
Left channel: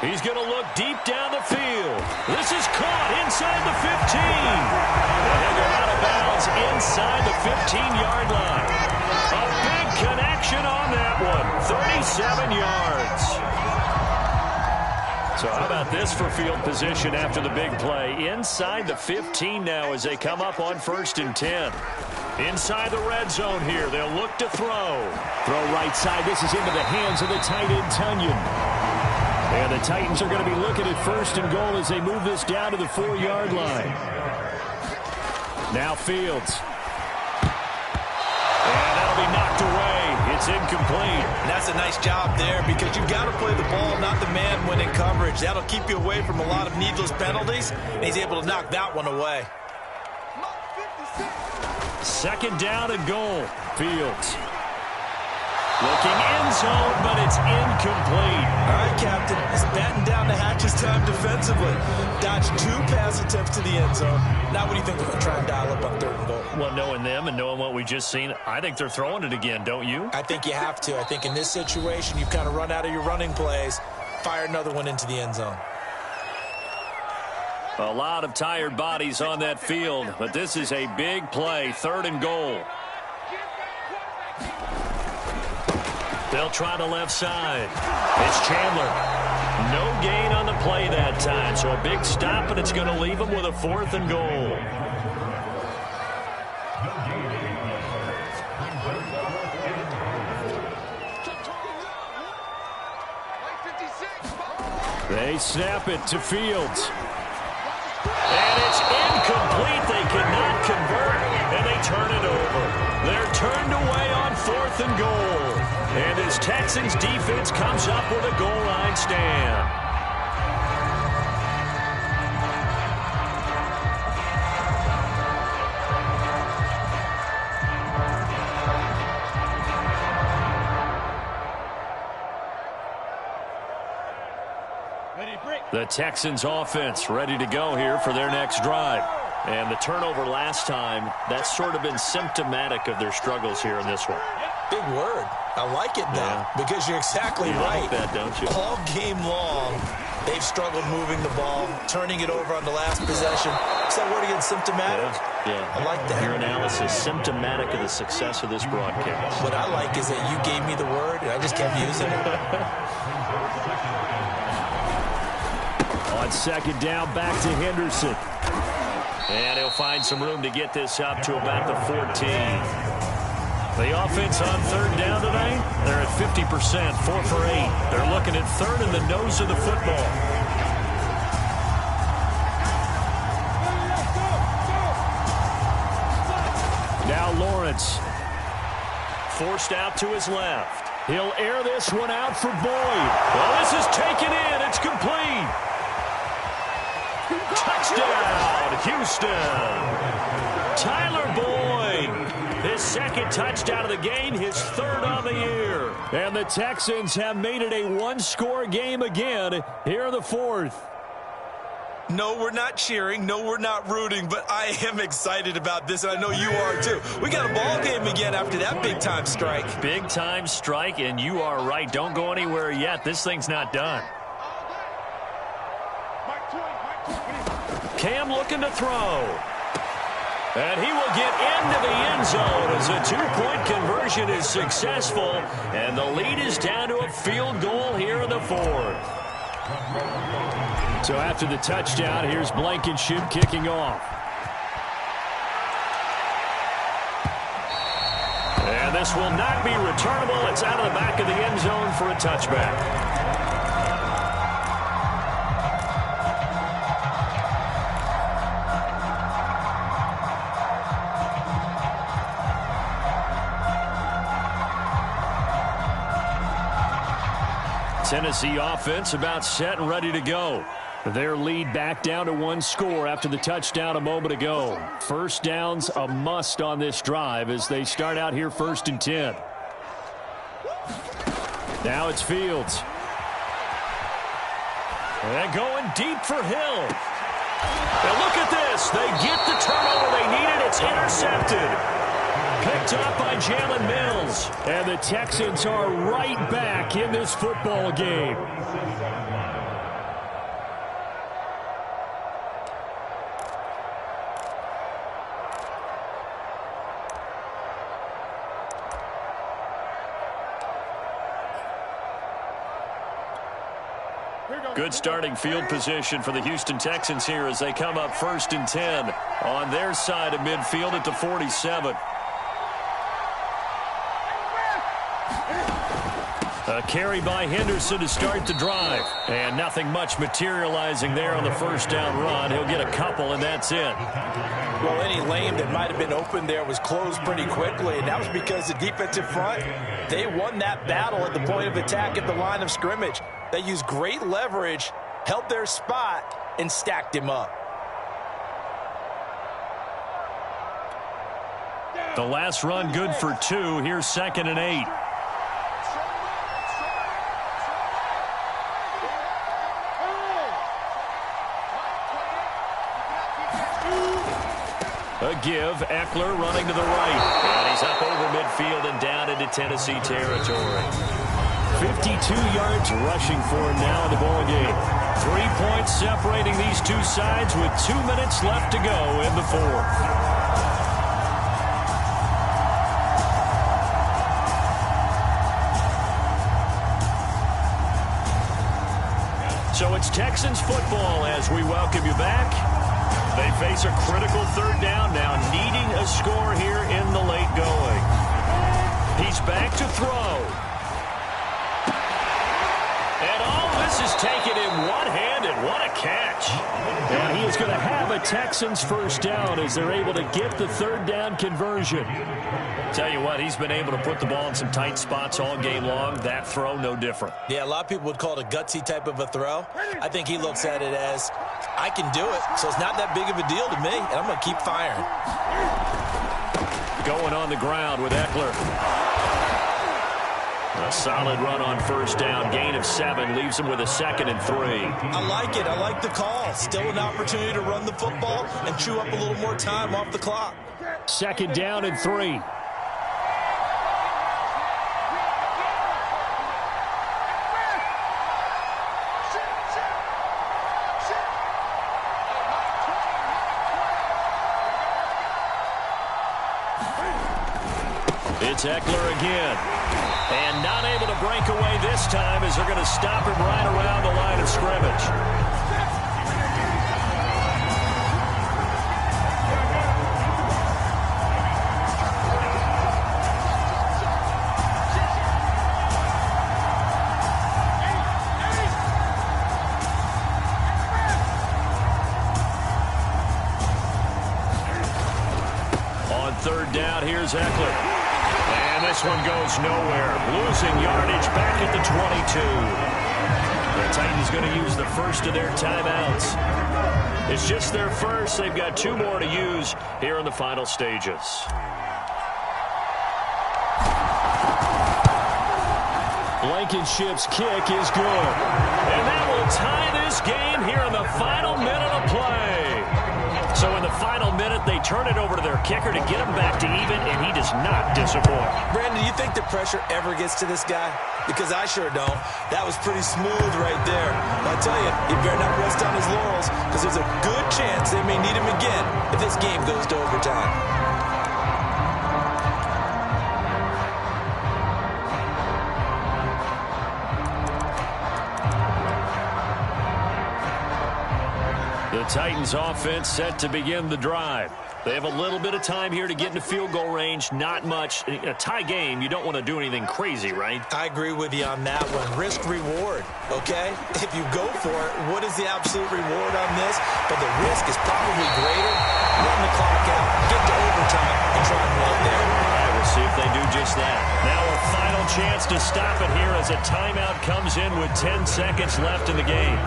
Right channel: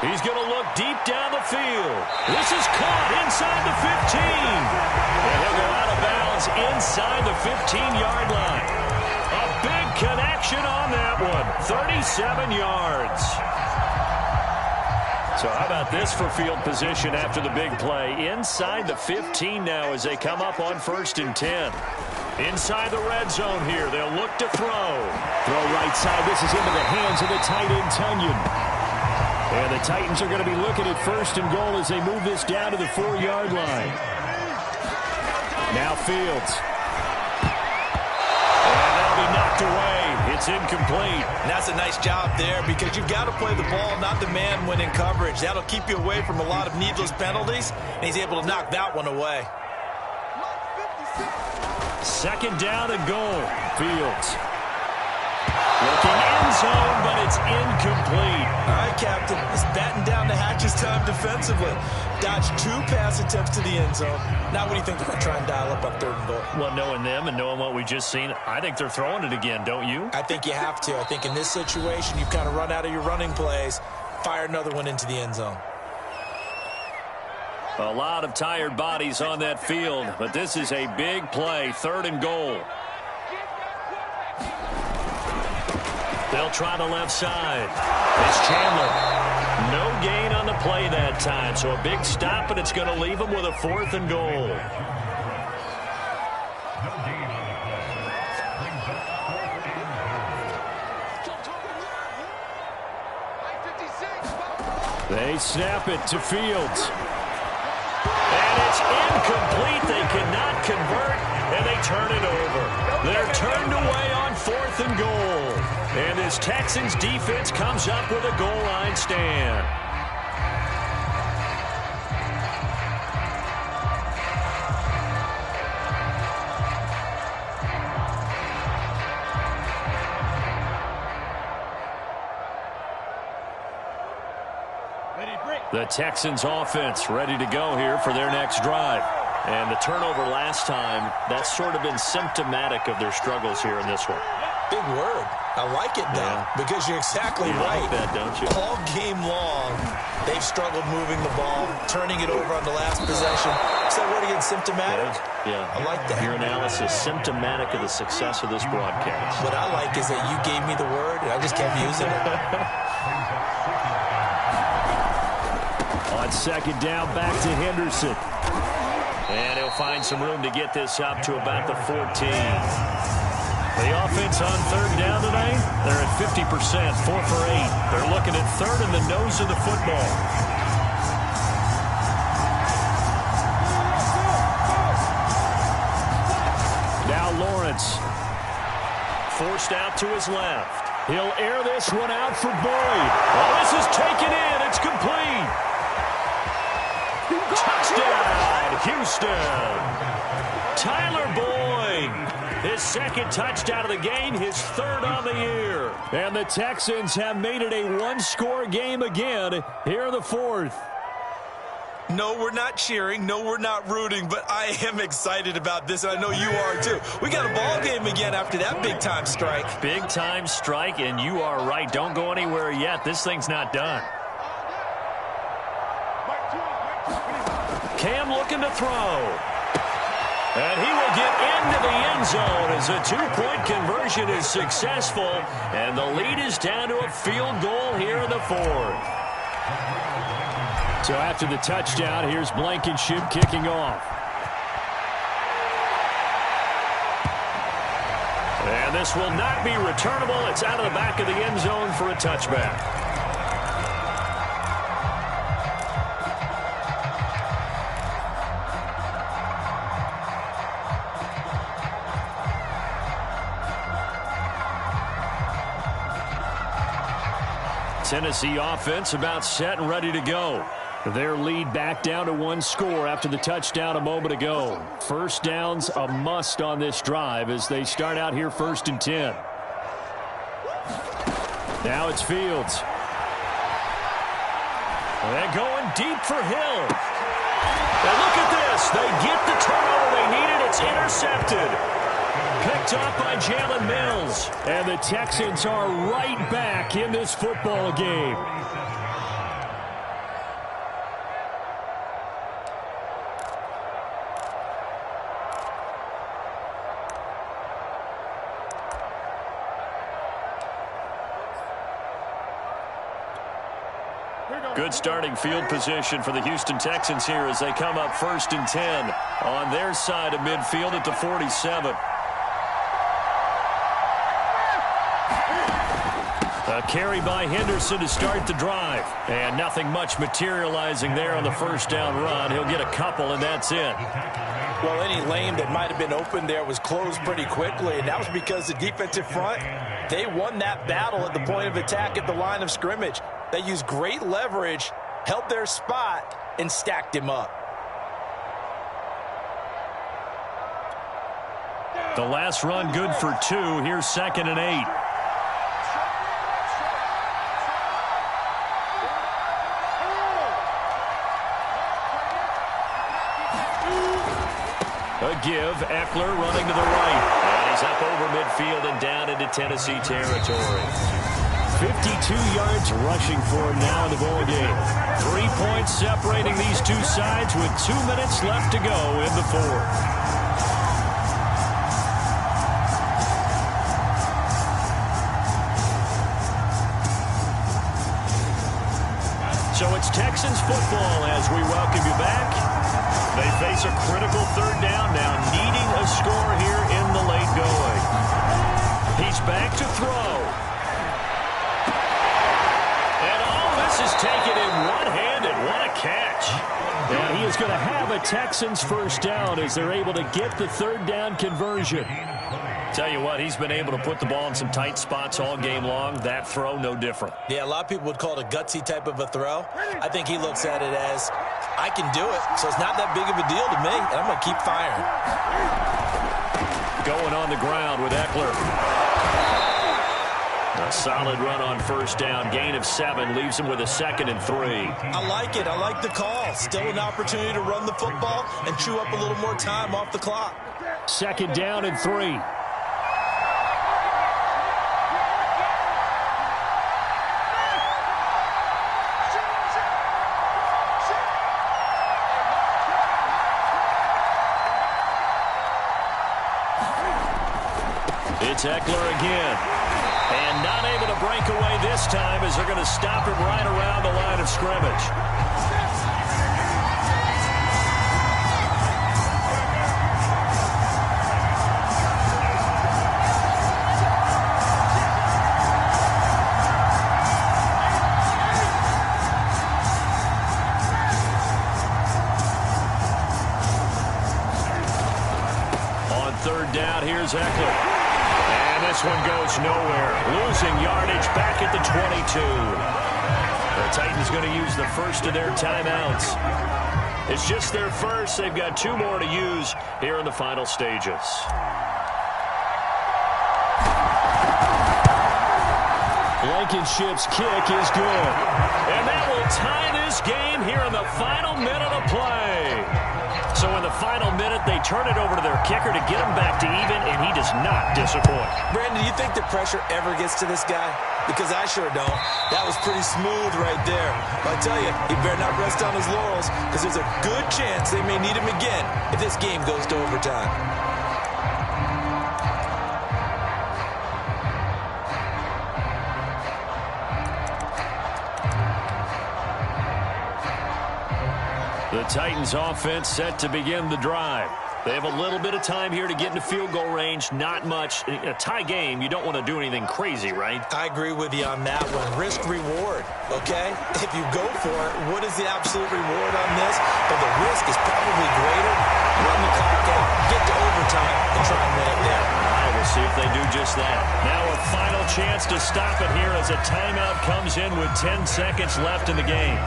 He's going to look deep down the field. This is caught inside the 15. And he'll go out of bounds inside the 15-yard line. A big connection on that one. 37 yards. So how about this for field position after the big play? Inside the 15 now as they come up on 1st and 10. Inside the red zone here. They'll look to throw. Throw right side. This is into the hands of the tight end, Tunyon. And the Titans are going to be looking at 1st and goal as they move this down to the 4-yard line. Now Fields. And that'll be knocked away. It's incomplete. And that's a nice job there because you've got to play the ball, not the man when in coverage. That'll keep you away from a lot of needless penalties, and he's able to knock that one away. 2nd down and goal. Fields. Looking end zone, but it's incomplete. All right, Captain. It's batten down the hatches time defensively. Dodged 2 pass attempts to the end zone. Now what do you think they're going to try and dial up on 3rd and goal? Well, knowing them and knowing what we've just seen, I think they're throwing it again, don't you? I think you have to. I think in this situation, you've kind of run out of your running plays. Fire another one into the end zone. A lot of tired bodies on that field, but this is a big play, 3rd and goal. They'll try the left side. It's Chandler. No gain on the play that time, so a big stop, and it's going to leave them with a 4th and goal. They snap it to Fields. And it's incomplete. They cannot convert, and they turn it over. They're turned away on 4th and goal. And this Texans defense comes up with a goal line stand. The Texans offense ready to go here for their next drive. And the turnover last time, that's sort of been symptomatic of their struggles here in this one. Big word. I like it, though, because you're exactly right. You like that, don't you? All game long, they've struggled moving the ball, turning it over on the last possession. Is that word again, symptomatic? Yeah. I like that. Your analysis, symptomatic of the success of this broadcast. What I like is that you gave me the word, and I just kept using it. On second down, back to Henderson. And he'll find some room to get this up to about the 14. The offense on third down today, they're at 50%, 4 for 8. They're looking at third in the nose of the football. Now Lawrence. Forced out to his left. He'll air this one out for Boyd. Well, this is taken in. It's complete. Touchdown, Houston. Tyler Boyd. His second touchdown of the game, his third on the year. And the Texans have made it a one-score game again here in the fourth. No, we're not cheering. No, we're not rooting, but I am excited about this, and I know you are too. We got a ball game again after that big-time strike. Big-time strike, and you are right. Don't go anywhere yet. This thing's not done. Cam looking to throw. And he will get into the end zone as a two-point conversion is successful. And the lead is down to a field goal here in the fourth. So after the touchdown, here's Blankenship kicking off. And this will not be returnable. It's out of the back of the end zone for a touchback. Tennessee offense about set and ready to go. Their lead back down to one score after the touchdown a moment ago. First down's a must on this drive as they start out here 1st and 10. Now it's Fields. And going deep for Hill. And look at this. They get the turnover they needed. It's intercepted. Picked up by Jalen Mills. And the Texans are right back in this football game. Good starting field position for the Houston Texans here as they come up 1st and 10 on their side of midfield at the 47. A carry by Henderson to start the drive. And nothing much materializing there on the first down run. He'll get a couple, and that's it. Well, any lane that might have been open there was closed pretty quickly, and that was because the defensive front, they won that battle at the point of attack at the line of scrimmage. They used great leverage, held their spot, and stacked him up. The last run good for 2. Here's 2nd and 8. A give, Eckler running to the right. And he's up over midfield and down into Tennessee territory. 52 yards rushing for him now in the ball game. 3 points separating these two sides with 2 minutes left to go in the fourth. So it's Texans football as we welcome you back. They face a critical third down now, needing a score here in the late going. He's back to throw. And all This is taken in one-handed. What a catch. And he is going to have a Texans first down as they're able to get the third down conversion. Tell you what, he's been able to put the ball in some tight spots all game long. That throw, no different. Yeah, a lot of people would call it a gutsy type of a throw. I think he looks at it as, I can do it, so it's not that big of a deal to me, and I'm going to keep firing. Going on the ground with Eckler. A solid run on first down. Gain of 7 leaves him with a 2nd and 3. I like it. I like the call. Still an opportunity to run the football and chew up a little more time off the clock. 2nd down and 3. It's Eckler again. And not able to break away this time as they're going to stop him right around the line of scrimmage. On third down, here's Eckler. And this one goes nowhere. Losing yardage back at the 22. The Titans going to use the first of their timeouts. It's just their first. They've got 2 more to use here in the final stages. Blankenship's kick is good. And that will tie this game here in the final minute of play. So in the final minute, they turn it over to their kicker to get him back to even, and he does not disappoint. Brandon, do you think the pressure ever gets to this guy? Because I sure don't. That was pretty smooth right there. But I tell you, he better not rest on his laurels, because there's a good chance they may need him again if this game goes to overtime. The Titans offense set to begin the drive. They have a little bit of time here to get into field goal range. Not much. In a tie game, you don't want to do anything crazy, right? I agree with you on that one. Risk-reward, okay? If you go for it, what is the absolute reward on this? But the risk is probably greater. Run the clock out, get to overtime, and try and win it there. All right, we'll see if they do just that. Now a final chance to stop it here as a timeout comes in with 10 seconds left in the game.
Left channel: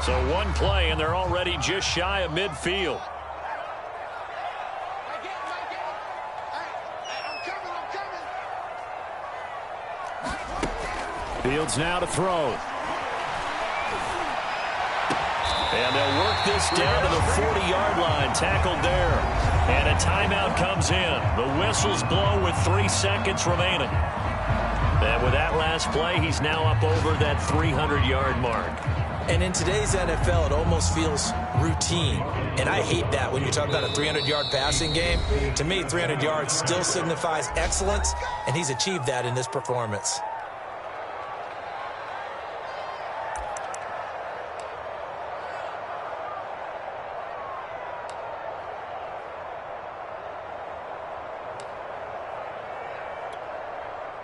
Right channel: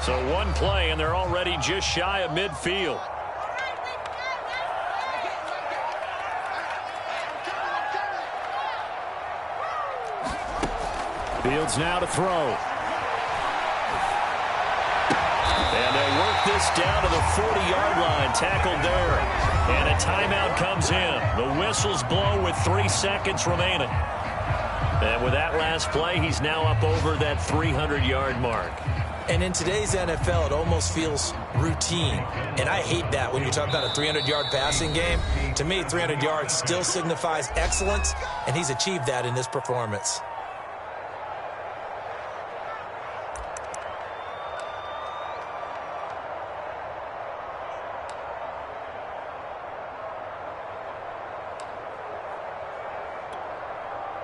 So one play, and they're already just shy of midfield. Fields now to throw. And they'll work this down to the 40-yard line, tackled there. And a timeout comes in. The whistles blow with 3 seconds remaining. And with that last play, he's now up over that 300-yard mark. And in today's NFL, it almost feels routine. And I hate that when you talk about a 300-yard passing game. To me, 300 yards still signifies excellence, and he's achieved that in this performance.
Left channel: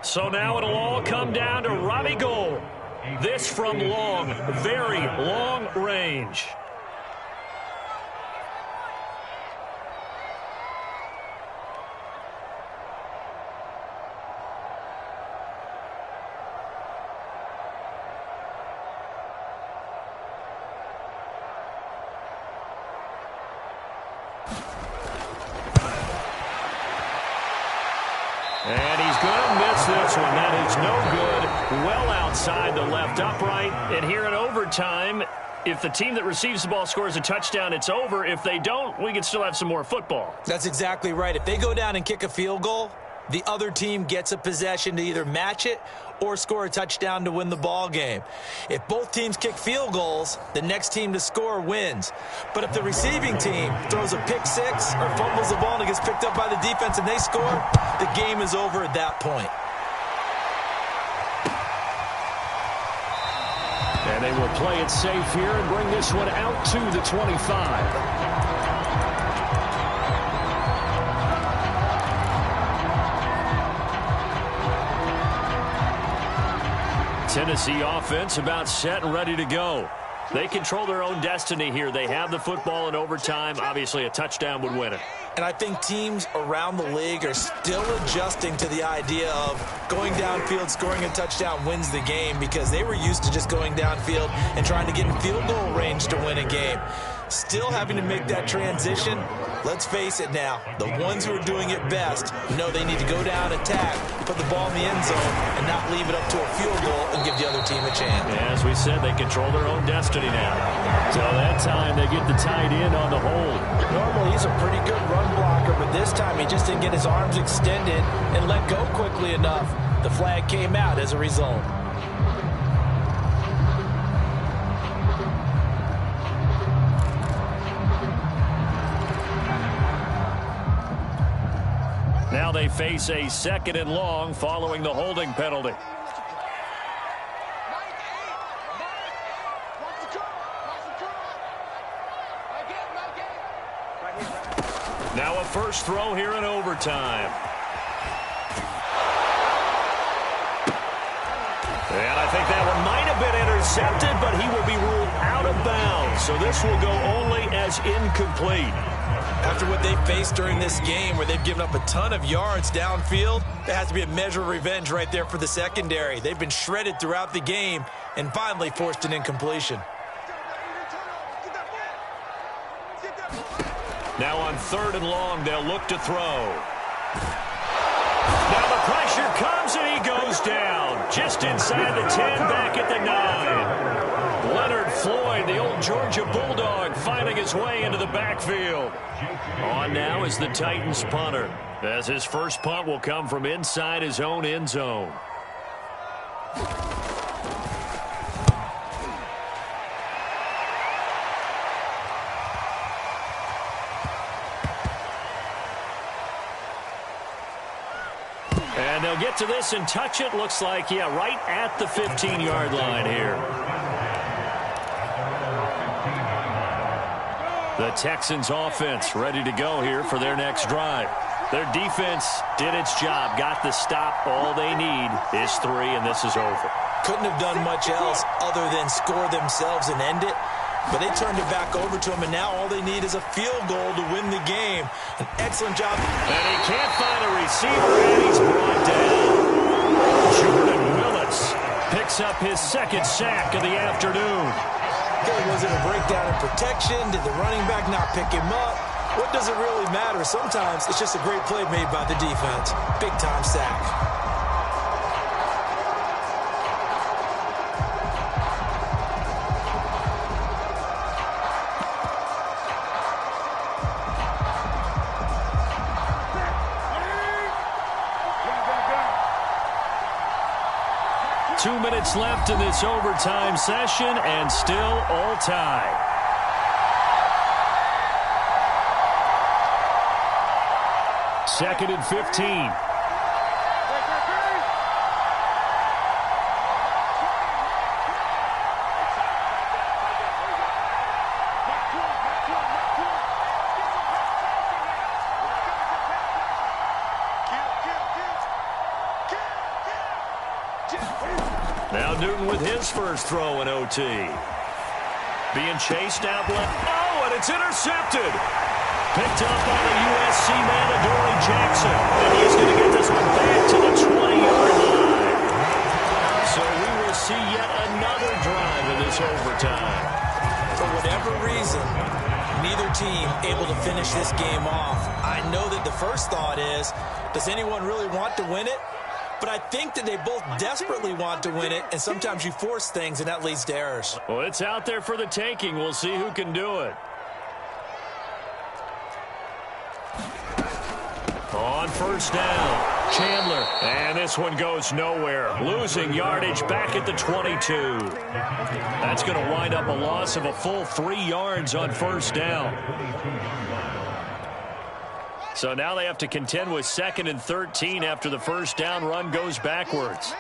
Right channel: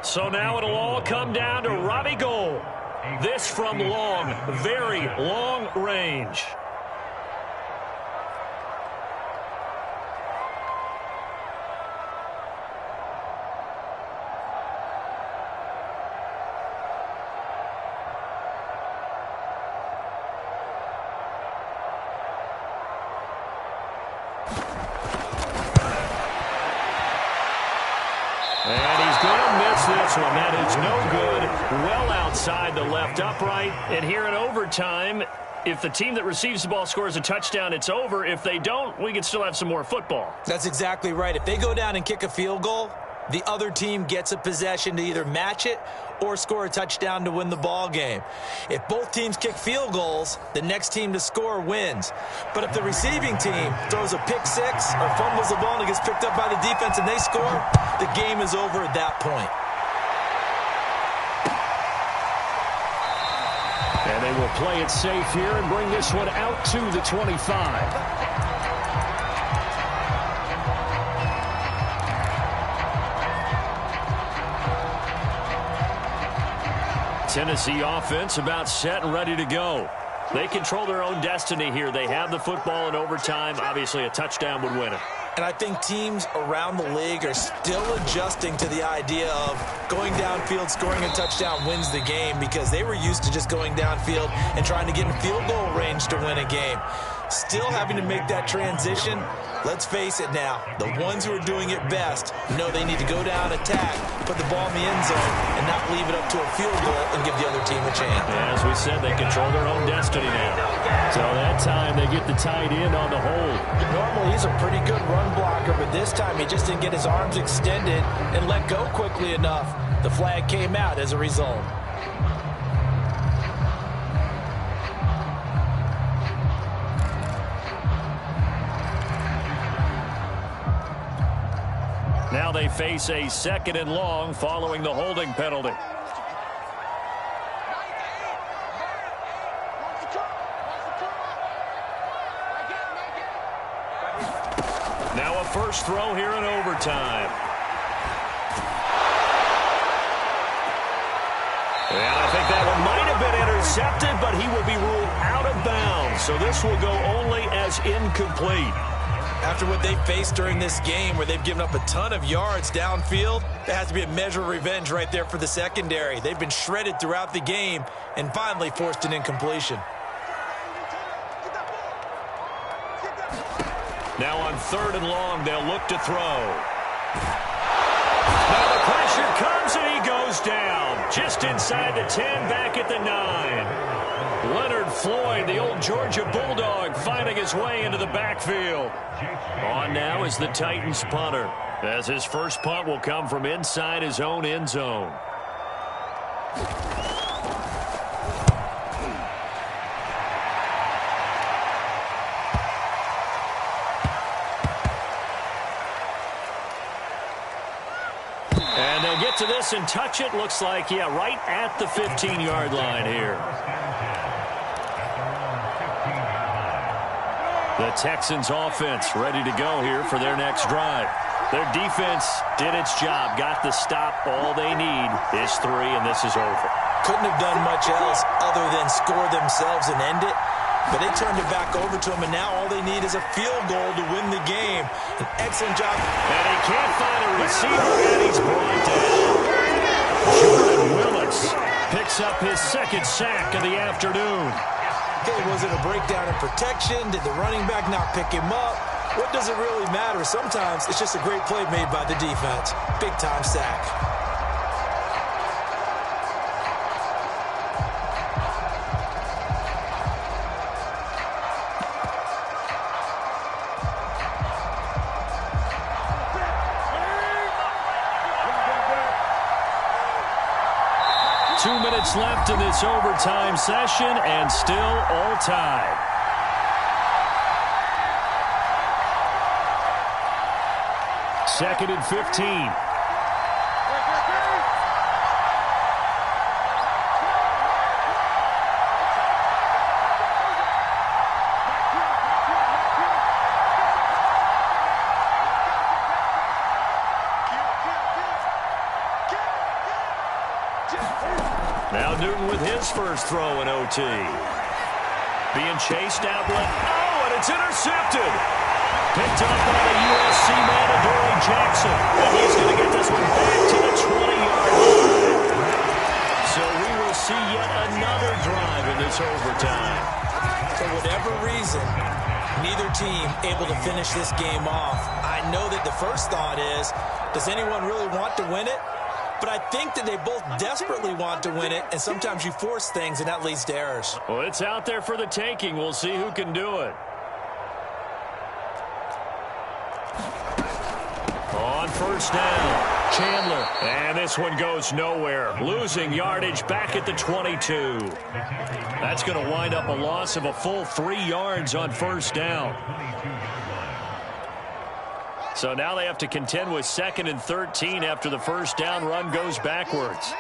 So now it'll all come down to Robbie Gould. This from long, very long range. And he's going to miss this one. That is no good. Well outside the left upright. And here in overtime, if the team that receives the ball scores a touchdown, it's over. If they don't, we can still have some more football. That's exactly right. If they go down and kick a field goal, the other team gets a possession to either match it or score a touchdown to win the ball game. If both teams kick field goals, the next team to score wins. But if the receiving team throws a pick six or fumbles the ball and it gets picked up by the defense and they score, the game is over at that point. And they will play it safe here and bring this one out to the 25. Tennessee offense about set and ready to go. They control their own destiny here. They have the football in overtime. Obviously, a touchdown would win it. And I think teams around the league are still adjusting to the idea of going downfield, scoring a touchdown wins the game, because they were used to just going downfield and trying to get in field goal range to win a game. Still having to make that transition. Let's face it now, the ones who are doing it best know they need to go down, attack, put the ball in the end zone, and not leave it up to a field goal and give the other team a chance. As we said, they control their own destiny now. So that time they get the tight end on the hold. Normally he's a pretty good run blocker, but this time he just didn't get his arms extended and let go quickly enough. The flag came out as a result. Now they face a 2nd and long following the holding penalty. Now a first throw here in overtime. And I think that one might have been intercepted, but he will be ruled out of bounds. So this will go only as incomplete. After what they faced during this game, where they've given up a ton of yards downfield, there has to be a measure of revenge right there for the secondary. They've been shredded throughout the game and finally forced an incompletion. Now on 3rd and long, they'll look to throw. Now the pressure comes and he goes down. Just inside the 10, back at the 9. Leonard Floyd, the old Georgia Bulldog, finding his way into the backfield. On now is the Titans punter, as his first punt will come from inside his own end zone. And they'll get to this and touch it. Looks like, yeah, right at the 15-yard line here. The Texans offense ready to go here for their next drive. Their defense did its job, got the stop. All they need is 3, and this is over. Couldn't have done much else other than score themselves and end it. But they turned it back over to him, and now all they need is a field goal to win the game. An excellent job. And he can't find a receiver, and he's brought down. Jordan Willis picks up his 2nd sack of the afternoon. Okay, was it a breakdown in protection? Did the running back not pick him up? What does it really matter? Sometimes it's just a great play made by the defense. Big-time sack. 2 minutes left in this overtime session, and still all tied. Second and 15. Now Newton with his first throw in OT. Being chased out left. Oh, and it's intercepted. Picked up by the USC man, Adoree Jackson. And he's going to get this one back to the 20-yard line. So we will see yet another drive in this overtime. For whatever reason, neither team able to finish this game off. I know that the first thought is, does anyone really want to win it? But I think that they both desperately want to win it, and sometimes you force things, and that leads to errors. Well, it's out there for the taking. We'll see who can do it. On first down, Chandler. And this one goes nowhere. Losing yardage back at the 22. That's going to wind up a loss of a full 3 yards on first down. So now they have to contend with 2nd and 13 after the first down run goes backwards.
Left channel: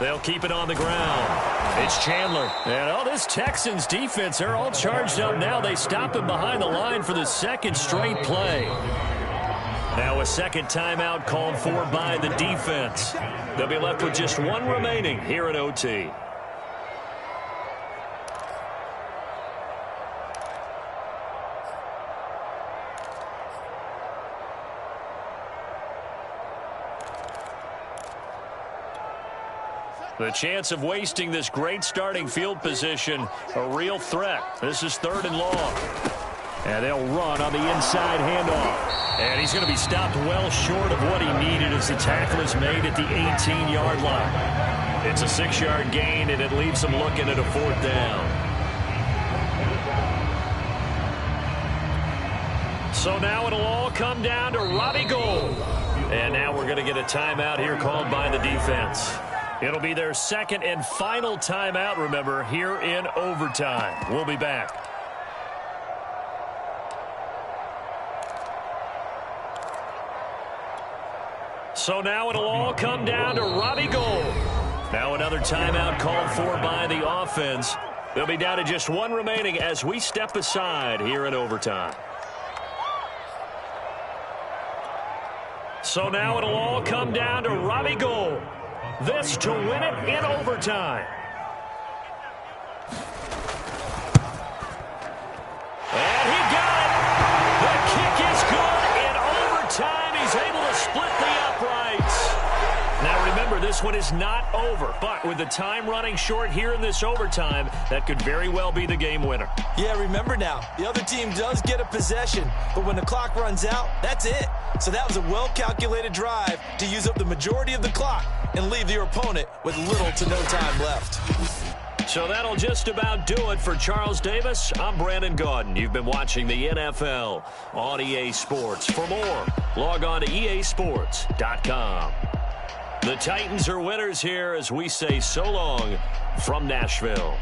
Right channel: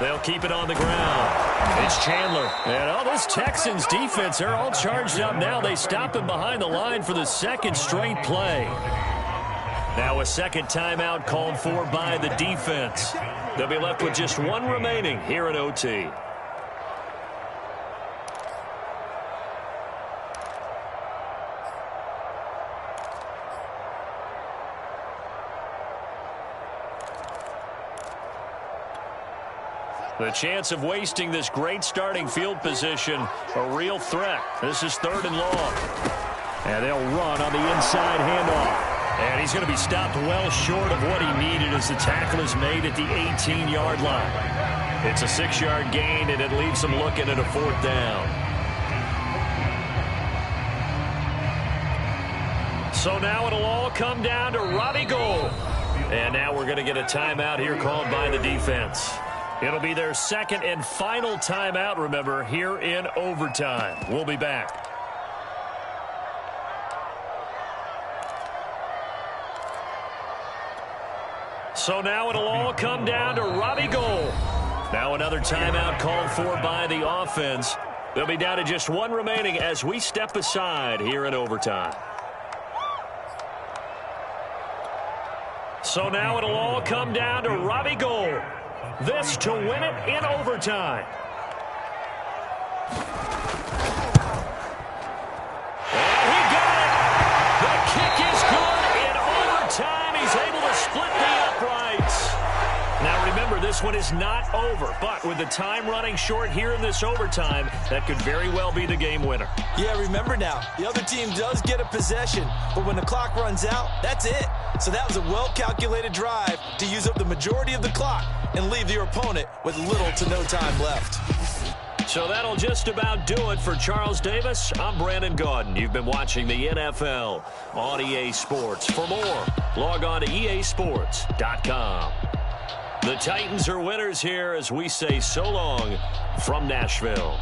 They'll keep it on the ground. It's Chandler. And, this Texans defense, they're all charged up now. They stop him behind the line for the second straight play. Now a second timeout called for by the defense. They'll be left with just one remaining here at OT. The chance of wasting this great starting field position, a real threat. This is 3rd and long. And they'll run on the inside handoff. And he's going to be stopped well short of what he needed as the tackle is made at the 18-yard line. It's a 6-yard gain, and it leaves him looking at a 4th down. So now it'll all come down to Robbie Gould. And now we're going to get a timeout here called by the defense. It'll be their second and final timeout, remember, here in overtime. We'll be back. So now it'll all come down to Robbie Gould. Now another timeout called for by the offense. They'll be down to just one remaining as we step aside here in overtime. So now it'll all come down to Robbie Gould. This to win it in overtime. And he got it. The kick is good in overtime. He's able to split the uprights. Now remember, this one is not over, but with the time running short here in this overtime, that could very well be the game winner. Yeah, remember now, the other team does get a possession, but when the clock runs out, that's it. So that was a well-calculated drive to use up the majority of the clock and leave your opponent with little to no time left. So that'll just about do it for Charles Davis. I'm Brandon Gaudin. You've been watching the NFL on EA Sports. For more, log on to easports.com. The Titans are winners here as we say so long from Nashville.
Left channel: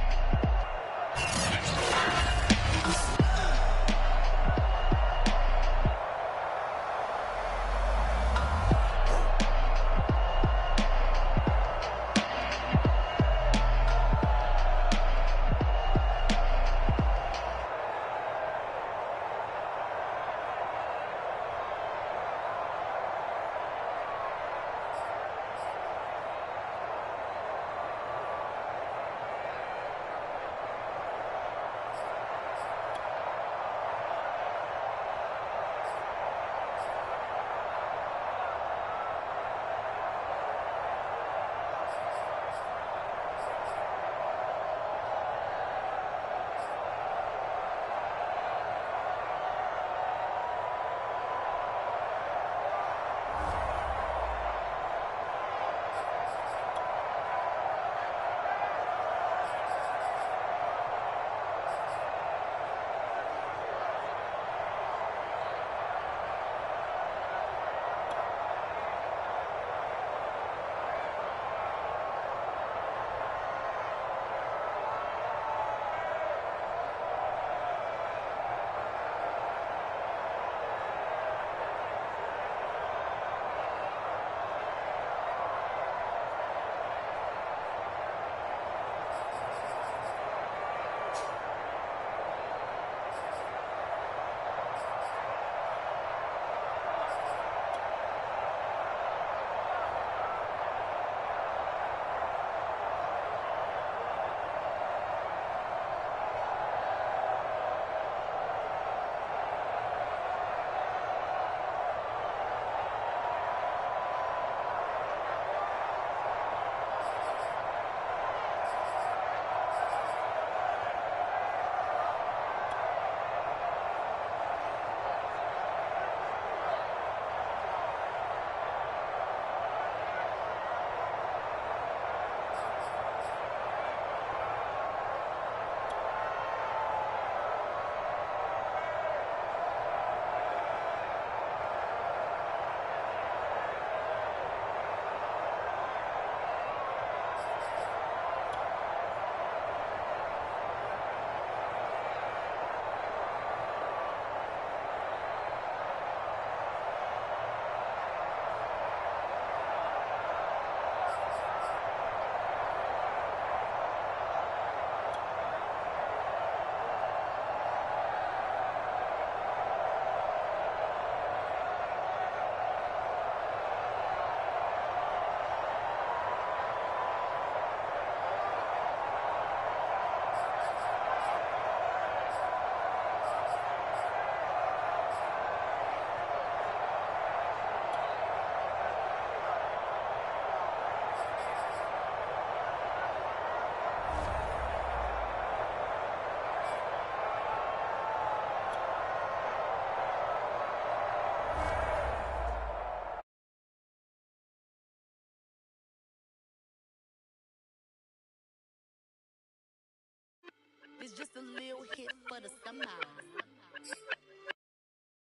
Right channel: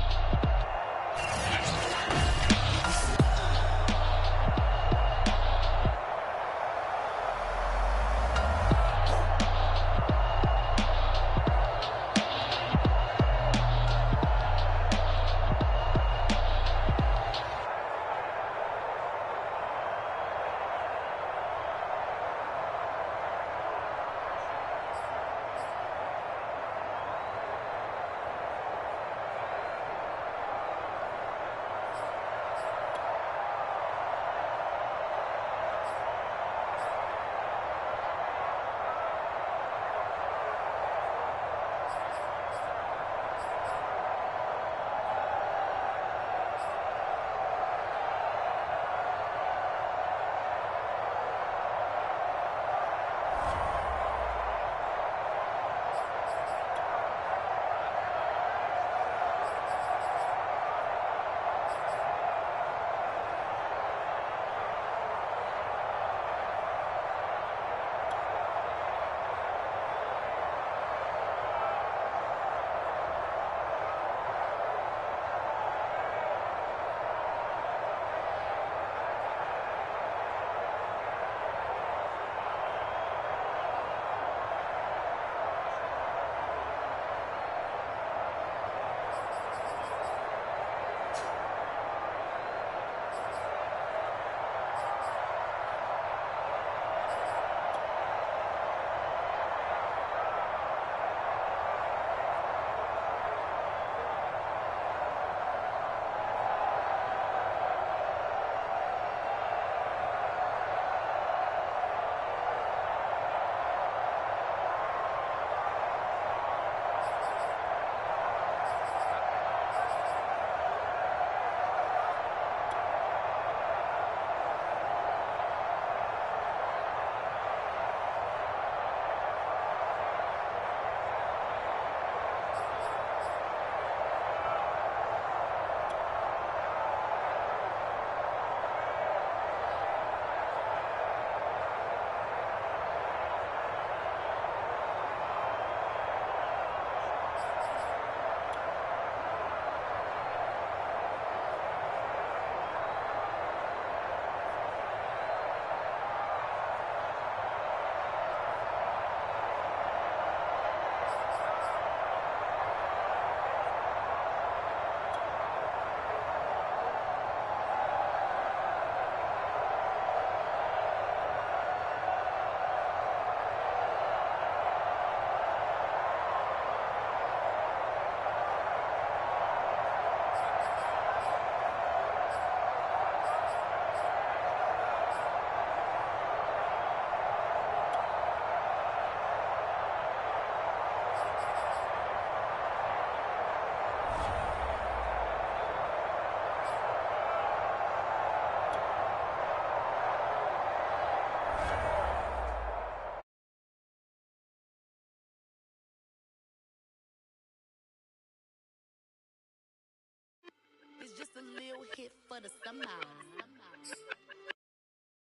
little hit for the summer.